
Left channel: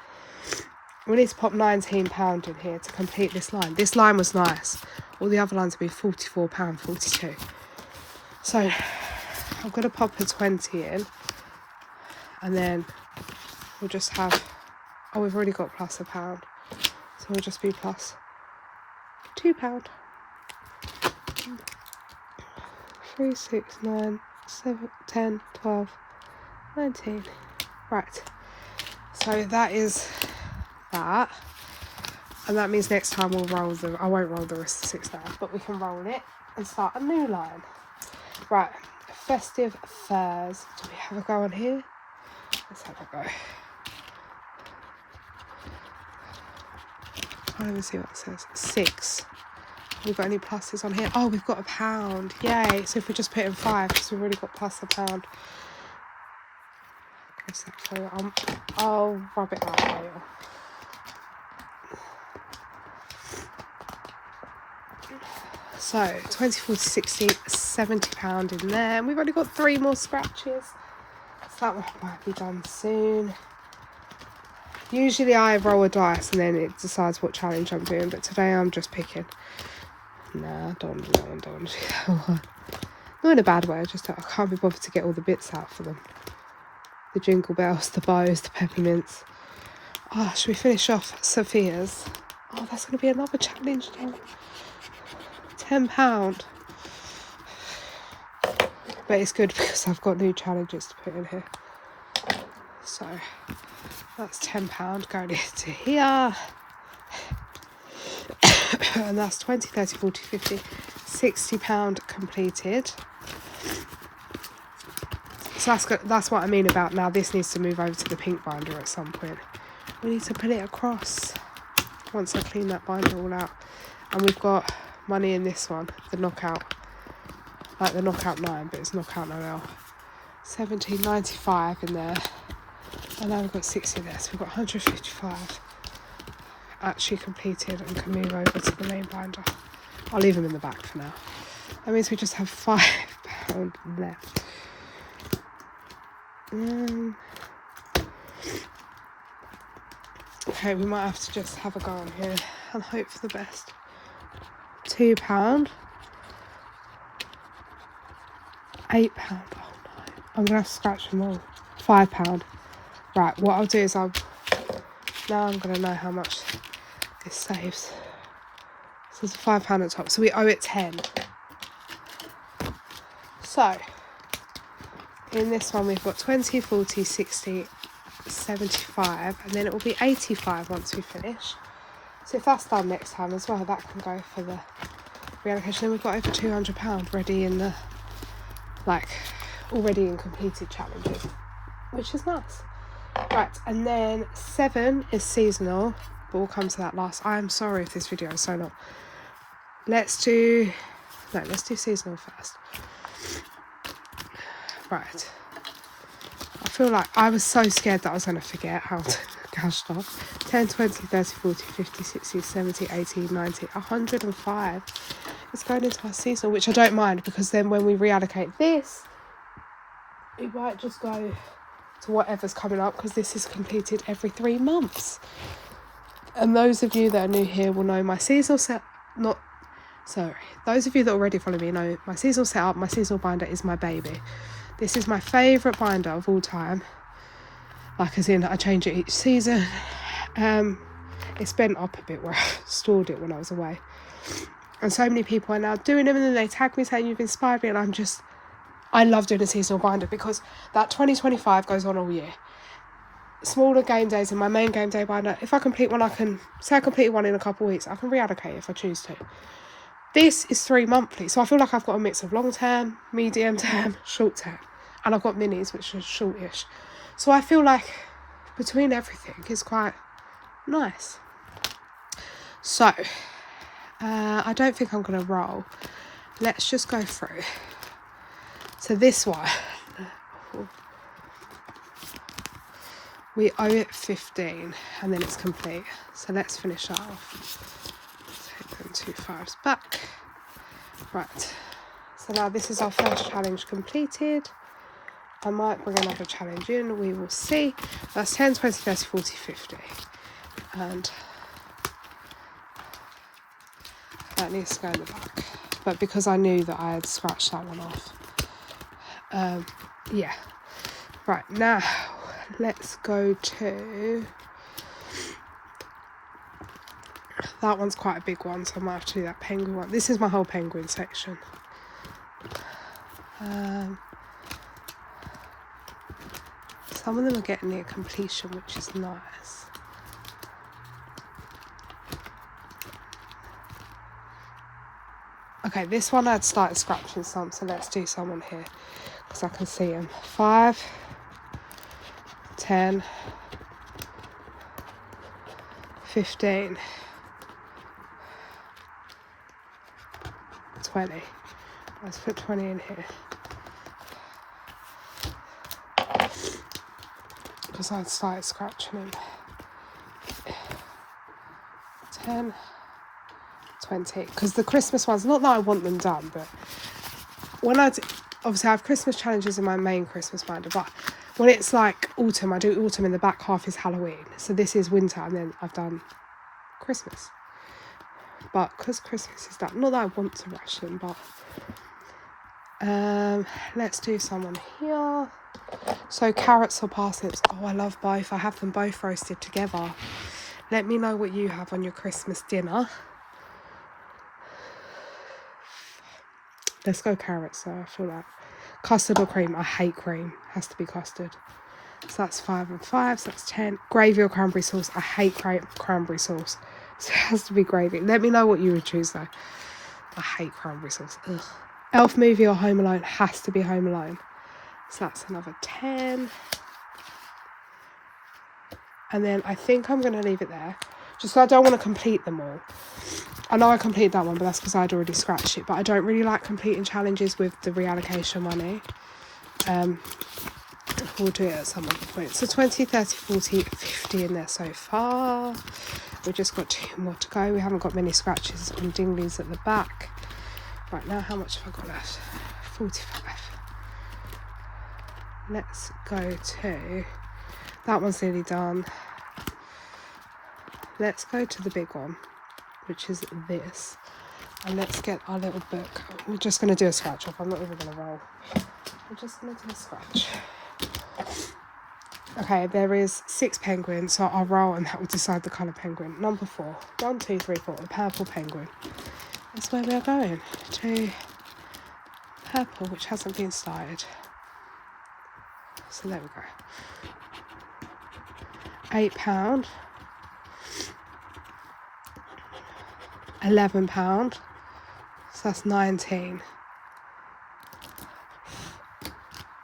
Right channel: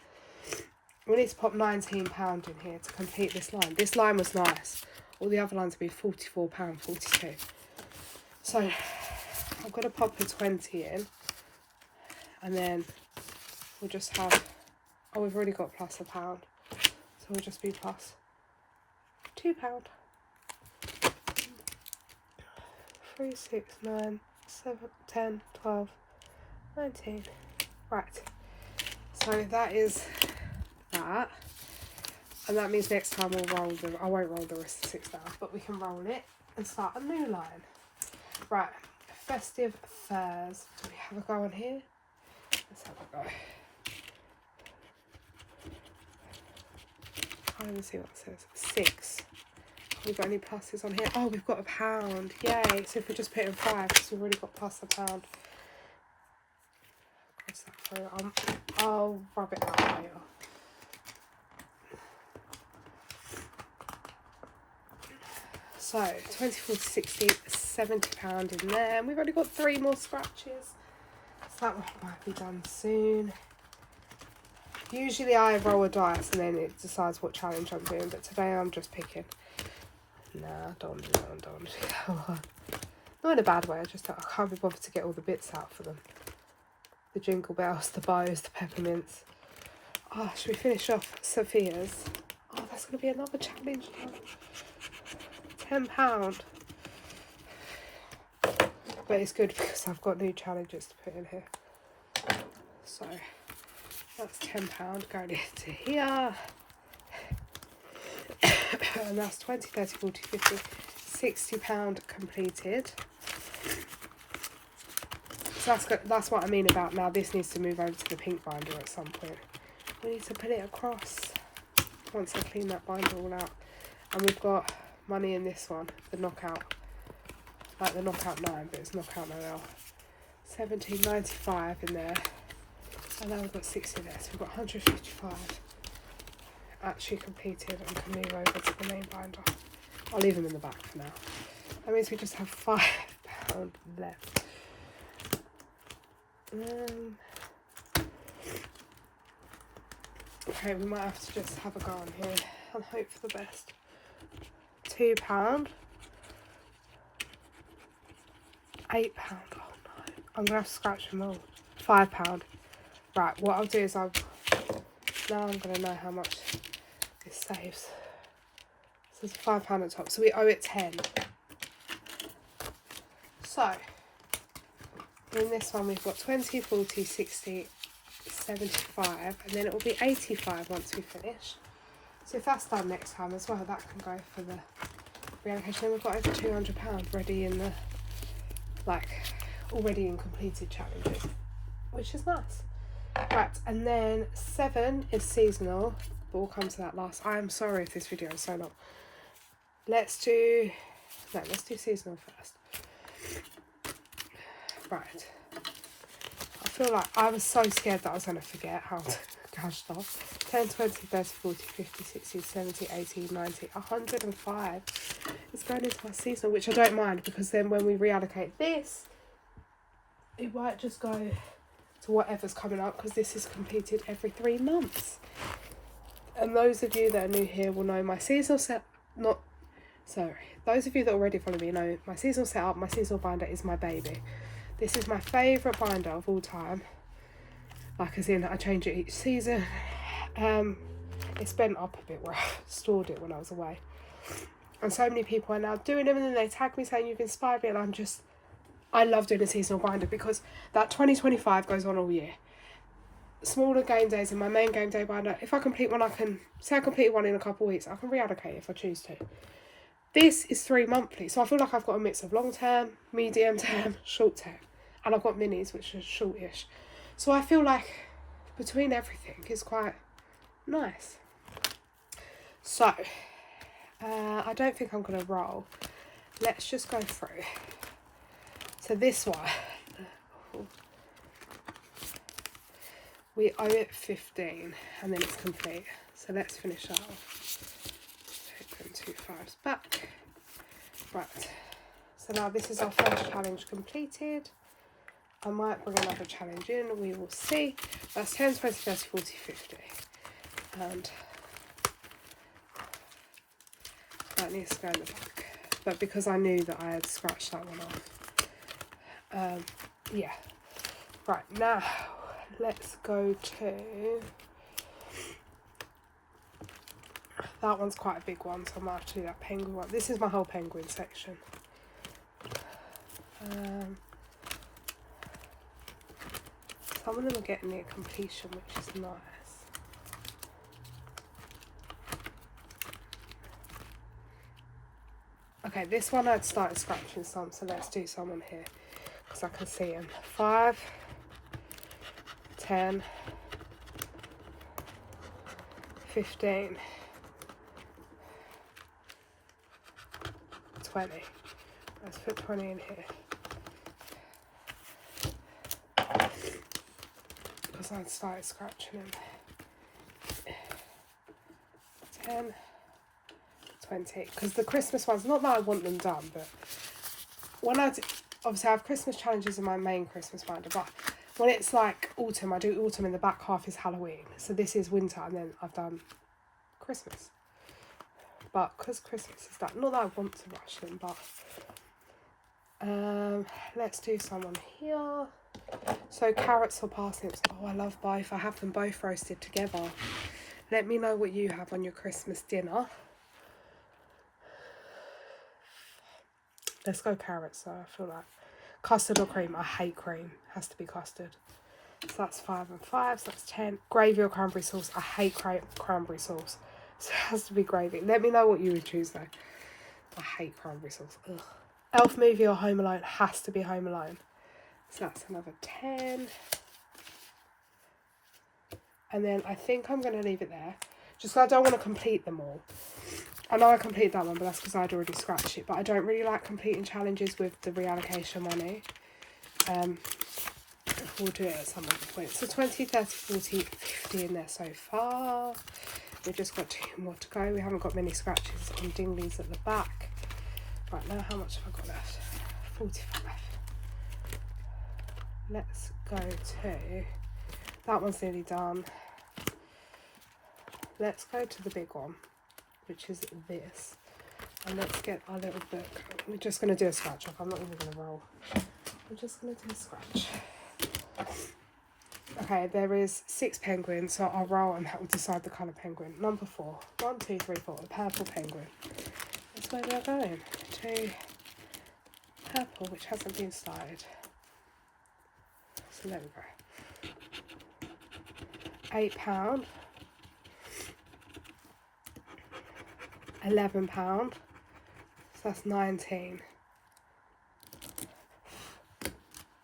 We need to pop £19 in here to complete this line. This line was nice. All the other lines would be £44.42. So I'm going to pop a 20 in, and then we'll just have, oh, we've already got plus £1, so we'll just be plus £2. 3, 6, 9, 7, 10, 12, 19. Right, so that is that, and that means next time we'll roll the, I won't roll the rest of 6 now, but we can roll it and start a new line. Right, festive furs. Do we have a go on here? Let's have a go. Can't even see what it says. 6. Have we got any pluses on here? Oh, we've got £1. Yay. So if we just put in 5, because we've already got plus £1. I'll rub it out later. So 20, 40, 60, £70 in there. And we've only got 3 more scratches. So that one might be done soon. Usually I roll a dice and then it decides what challenge I'm doing, but today I'm just picking. Nah, I don't want to do that one. Not in a bad way, I can't be bothered to get all the bits out for them. The jingle bells, the bows, the peppermints. Oh, should we finish off Sophia's? Oh, that's going to be another challenge now. £10. But it's good because I've got new challenges to put in here. So that's £10 going into here. And that's 20, 30, 40, 50, £60 completed. So that's good. That's what I mean about now. This needs to move over to the pink binder at some point. We need to put it across once I clean that binder all out. And we've got money in this one, the knockout, like the knockout 9, but it's knockout Noel. 17.95 in there, and now we've got 60 there, so we've got 155 actually completed and can move over to the main binder. I'll leave them in the back for now. That means we just have £5 left. Okay, we might have to just have a go on here and hope for the best. £2, £8. Oh no, I'm gonna have to scratch them all. £5. Right, what I'll do is now I'm gonna know how much this saves. So it's £5 at the top, so we owe it 10. So in this one we've got 20, 40, 60, 75, and then it will be 85 once we finish. So if that's done next time as well, that can go for the reallocation. Then we've got over £200 ready in the, like, already in completed challenges, which is nice. Right, and then 7 is seasonal, but we'll come to that last. I'm sorry if this video is so long. Let's do seasonal first. Right. I feel like I was so scared that I was going to forget how to cash off. 10, 20, 30, 40, 50, 60, 70, 80, 90, 105. It's going into our seasonal, which I don't mind, because then when we reallocate this, it might just go to whatever's coming up, because this is completed every 3 months. And those of you that are new here will know my seasonal those of you that already follow me know my seasonal setup, my seasonal binder is my baby. This is my favourite binder of all time. Like, as in, I change it each season. It's bent up a bit where I stored it when I was away. And so many people are now doing them, and then they tag me saying you've inspired me, and I love doing a seasonal binder because that 2025 goes on all year. Smaller game days in my main game day binder, if I complete one, I completed one in a couple of weeks, I can reallocate if I choose to. This is 3 monthly, so I feel like I've got a mix of long term, medium term, short term, and I've got minis, which are shortish. So I feel like between everything it's quite nice. So I don't think I'm going to roll. Let's just go through. So this one, We owe it 15 and then it's complete. So let's finish that off. Take them 2 5s back. Right. So now this is our first challenge completed. I might bring another challenge in, we will see. That's 10, 20, 30, 40, 50. And that needs to go in the back. But because I knew that I had scratched that one off. Yeah. Right, now let's go to... That one's quite a big one, so I might have to do that penguin one. This is my whole penguin section. Some of them are getting near completion, which is nice. Okay, this one I'd started scratching some, so let's do some on here, because I can see them. 5, 10, 15, 20. Let's put 20 in here. Because I'd started scratching them. 10, 20. Because the Christmas ones, not that I want them done, but when obviously I have Christmas challenges in my main Christmas binder, but when it's like autumn, I do autumn and the back half is Halloween. So this is winter and then I've done Christmas. But because Christmas is done, not that I want to rush them, but let's do someone here. So carrots or parsnips. Oh, I love both. I have them both roasted together. Let me know what you have on your Christmas dinner. Let's go carrots though. I feel like custard or cream. I hate cream. Has to be custard. So that's 5 and 5. So that's 10. Gravy or cranberry sauce. I hate cranberry sauce. So it has to be gravy. Let me know what you would choose though. I hate cranberry sauce. Ugh. Elf movie or Home Alone. Has to be Home Alone. So that's another 10. And then I think I'm going to leave it there. Just so I don't want to complete them all. I know I completed that one, but that's because I'd already scratched it. But I don't really like completing challenges with the reallocation money. We'll do it at some other point. So 20, 30, 40, 50 in there so far. We've just got 2 more to go. We haven't got many scratches on dinglies at the back. Right, now how much have I got left? 45. Let's go to... That one's nearly done. Let's go to the big one, which is this. And let's get our little book. We're just going to do a scratch off. I'm not even going to roll. We're just going to do a scratch. Okay, there is 6 penguins, so I'll roll and that will decide the colour penguin. Number 4. 1, 2, 3, 4. The purple penguin. That's where we're going. To purple, which hasn't been started. So there we go. £8. £11. So that's 19.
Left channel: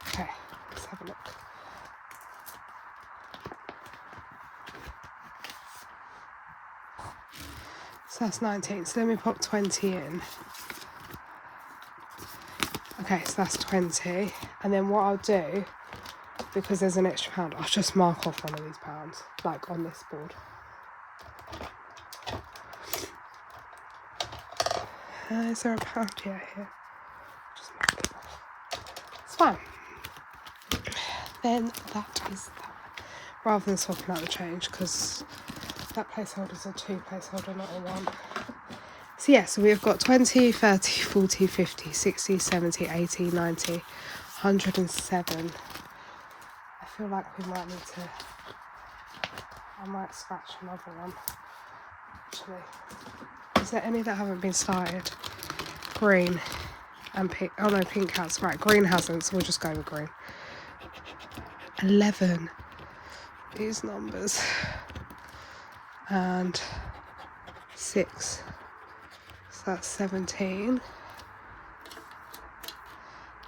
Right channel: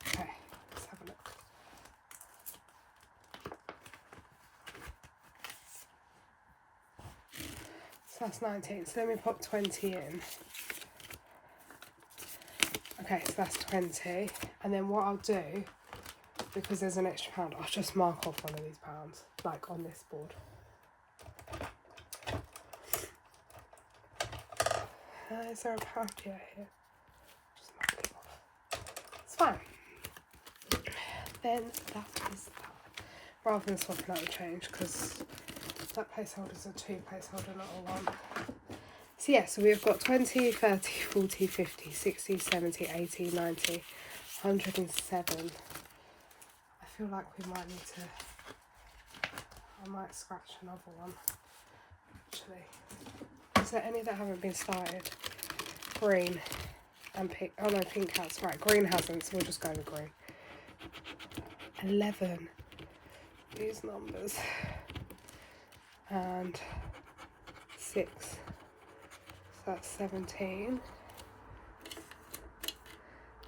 Okay, let's have a look. So that's 19. So let me pop 20 in. Okay, so that's 20. And then what I'll do, because there's an extra pound, I'll just mark off one of these pounds, like on this board. Is there a pound? Yeah, here. Just mark it off. It's fine. Then that is that. Rather than swapping out the change, because that placeholder's a 2 placeholder, not a 1. So yeah, so we've got 20, 30, 40, 50, 60, 70, 80, 90, 107. I feel like we might need to... I might scratch another one, actually. Is there any that haven't been started? Green and pink. Oh no, pink has. Right, green hasn't, so we'll just go with green. 11. These numbers. And 6. So that's 17.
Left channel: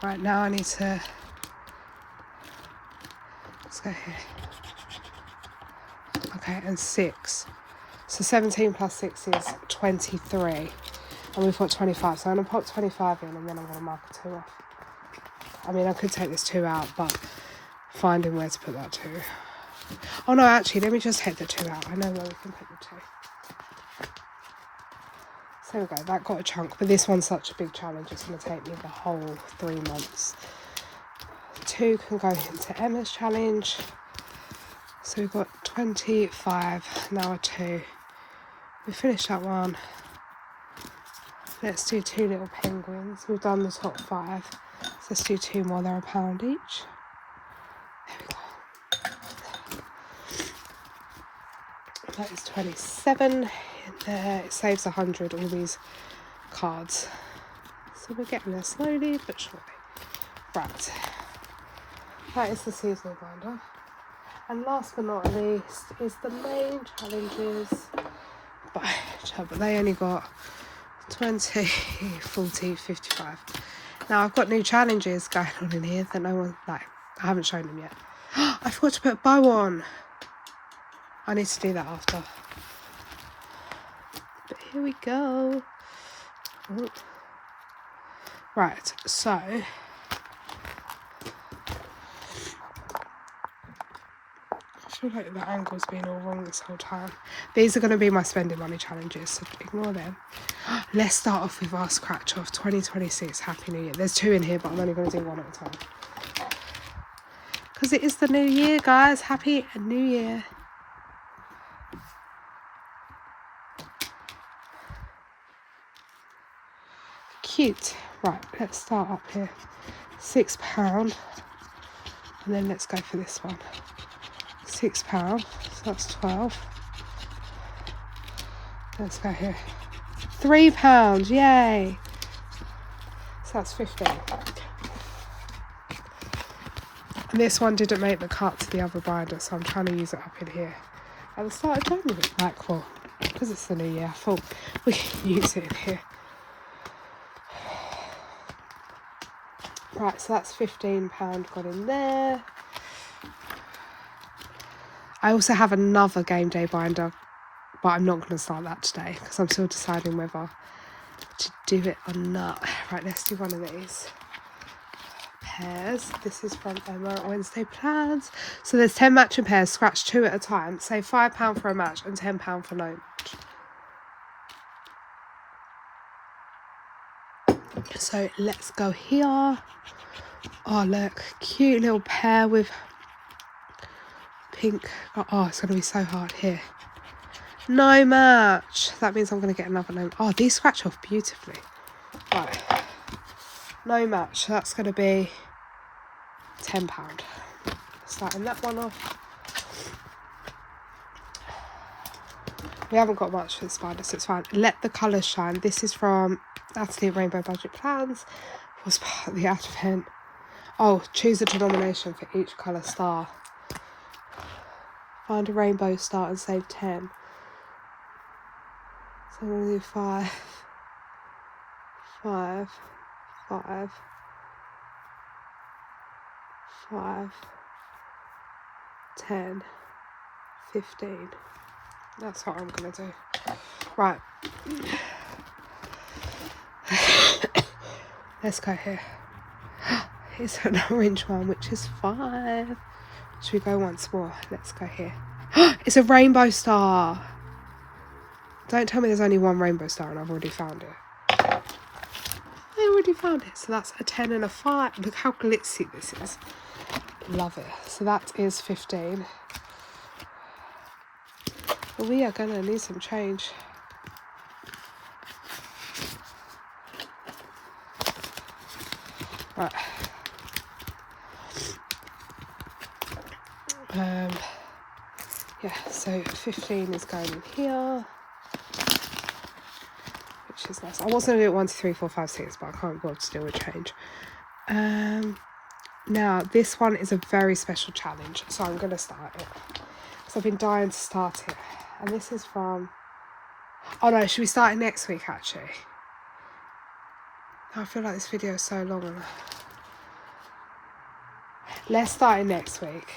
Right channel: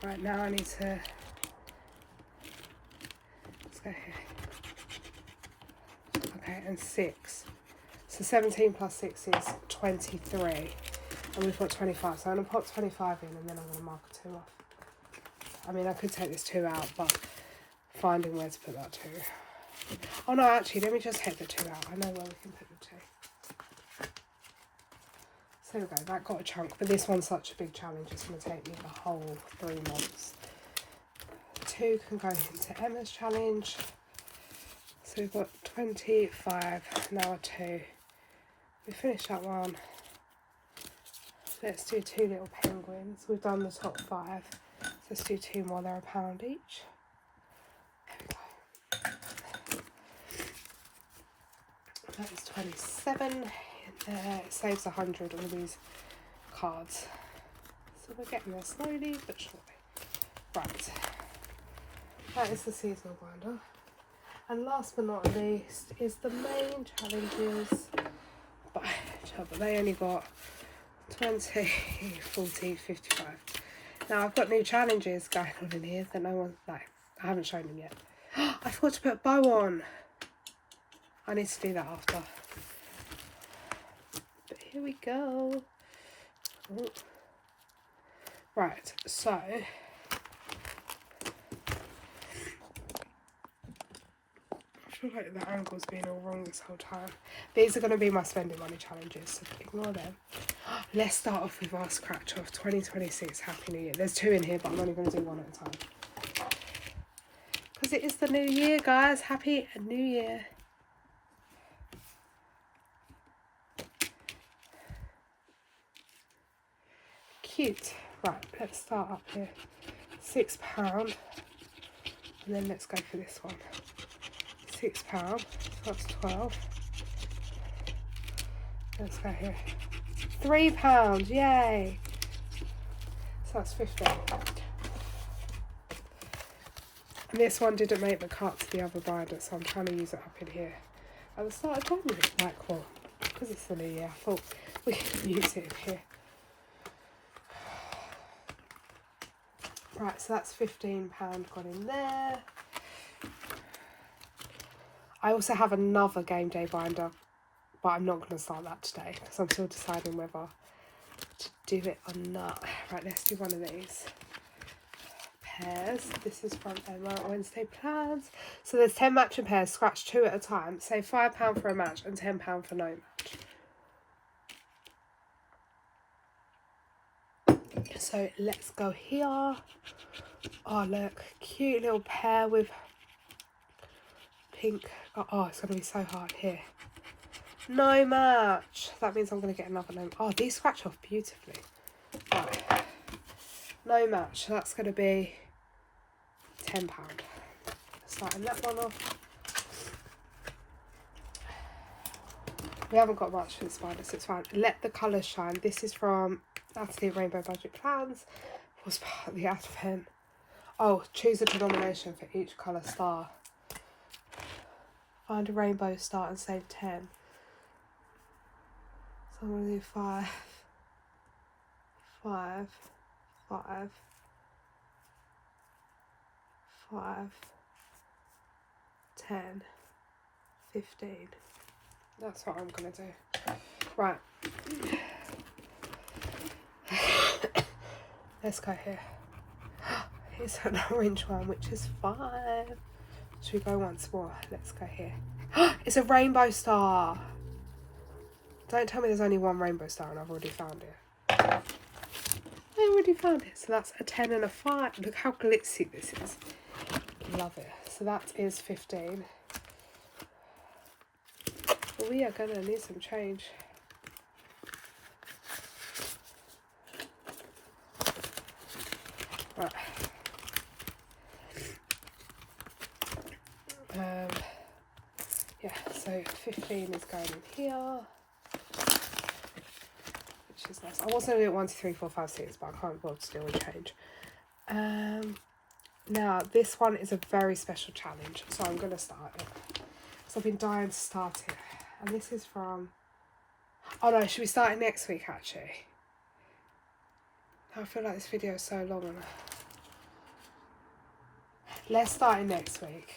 Right, now I need to... Let's go here. Okay, and 6. So 17 plus 6 is 23. And we've got 25. So I'm going to put 25 in and then I'm going to mark a 2 off. I mean, I could take this 2 out, but finding where to put that 2. Oh no, actually, let me just take the 2 out. I know where we can put the 2. So there we go, that got a chunk, but this one's such a big challenge, it's going to take me the whole 3 months. 2 can go into Emma's challenge. So we've got 25, now a 2. We finished that one. Let's do 2 little penguins. We've done the top 5. So let's do 2 more, they're £1 each. There we go. That is 27. There, it saves 100, all these cards. So we're getting there slowly but surely. Right. That is the seasonal binder. And last but not least is the main challenges. But they only got 20, 40, 55. Now I've got new challenges going on in here that no one, like, I haven't shown them yet. I forgot to put a bow on. I need to do that after. But here we go. Ooh. Right, so I feel like the angle's been all wrong this whole time. These are going to be my spending money challenges, so ignore them. Let's start off with our scratch off 2026 Happy New Year. There's 2 in here, but I'm only going to do 1 at a time. Because it is the new year, guys. Happy New Year. Cute. Right, let's start up here. £6. And then let's go for this one. £6, so that's 12. Let's go here. £3, yay! So that's 15. And this one didn't make the cut to the other binder, so I'm trying to use it up in here. At the start of January, like, well, because it's the new year, I thought we could use it in here. Right, so that's £15 got in there. I also have another game day binder, but I'm not going to start that today because I'm still deciding whether to do it or not. Right, let's do one of these. Pairs. This is from Emma at Wednesday Plans. So there's 10 matching pairs, scratch 2 at a time. Save £5 for a match and £10 for no match. So let's go here. Oh look, cute little pair with pink. Oh, it's going to be so hard here. No match. That means I'm going to get another no. Oh, these scratch off beautifully. Right. No match. That's going to be £10. Starting that one off. We haven't got much for the spider, so it's fine. Let the colours shine. This is from Natalie Rainbow Budget Plans. Was part of the advent. Oh, choose a denomination for each colour star. Find a rainbow star and save 10. So I'm going to do 5, 5, 5, 5, 10, 15. That's what I'm going to do. Right. Let's go here. It's an orange one, which is 5. Should we go once more? Let's go here. It's a rainbow star. Don't tell me there's only one rainbow star and I've already found it. I already found it. So that's a 10 and a 5. Look how glitzy this is. Love it. So that is 15. But we are going to need some change. Right. Yeah, so 15 is going in here, which is nice. I was going to do it 1, 2, 3, 4, 5, 6, but I can't bother to do a change. Now, this one is a very special challenge, so I'm going to start it. Because I've been dying to start it. And this is from... Oh no, should we start it next week, actually? I feel like this video is so long. Let's start it next week.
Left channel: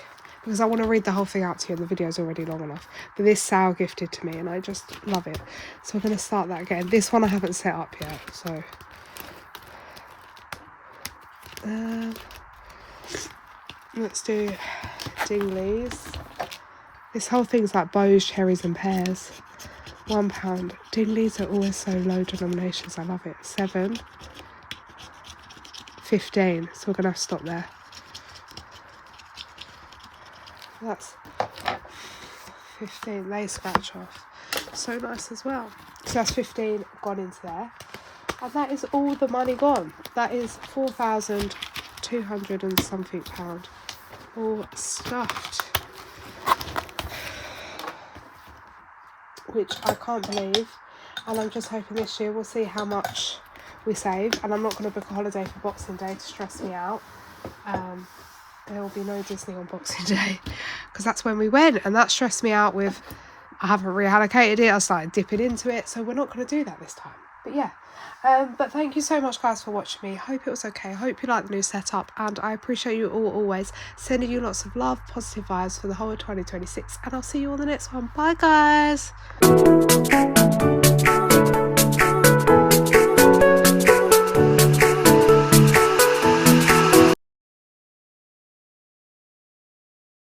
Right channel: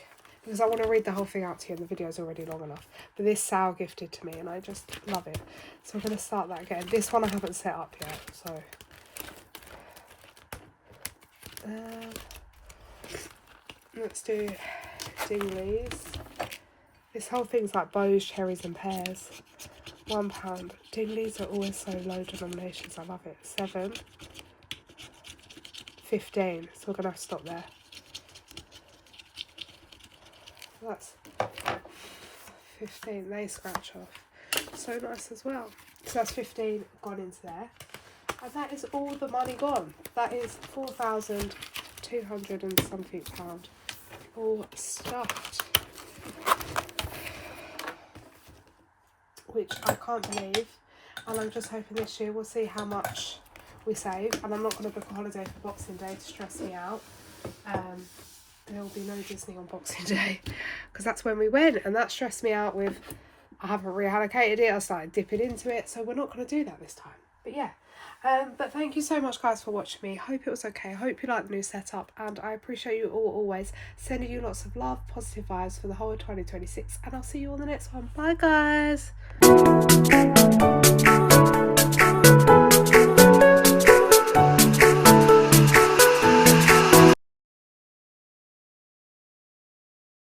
Because I want to read the whole thing out to you and the video is already long enough. But this Sal gifted to me and I just love it. So we're going to start that again. This one I haven't set up yet, so... let's do Dingley's. This whole thing's like bows, cherries and pears. £1. Dinglies are always so low denominations. I love it. 7. 15. So we're going to have to stop there. That's 15. They scratch off. So nice as well. So that's 15 gone into there. And that is all the money gone. That is 4,200 and something pound. All stuffed. Which I can't believe. And I'm just hoping this year we'll see how much we save. And I'm not going to book a holiday for Boxing Day to stress me out. There will be no Disney on Boxing Day because that's when we went, and that stressed me out with I haven't reallocated it. I started dipping into it, so we're not going to do that this time. But yeah, but thank you so much guys for watching me. Hope it was okay. Hope you like the new setup, and I appreciate you all always. Sending you lots of love, positive vibes for the whole of 2026, and I'll see you on the next one. Bye guys.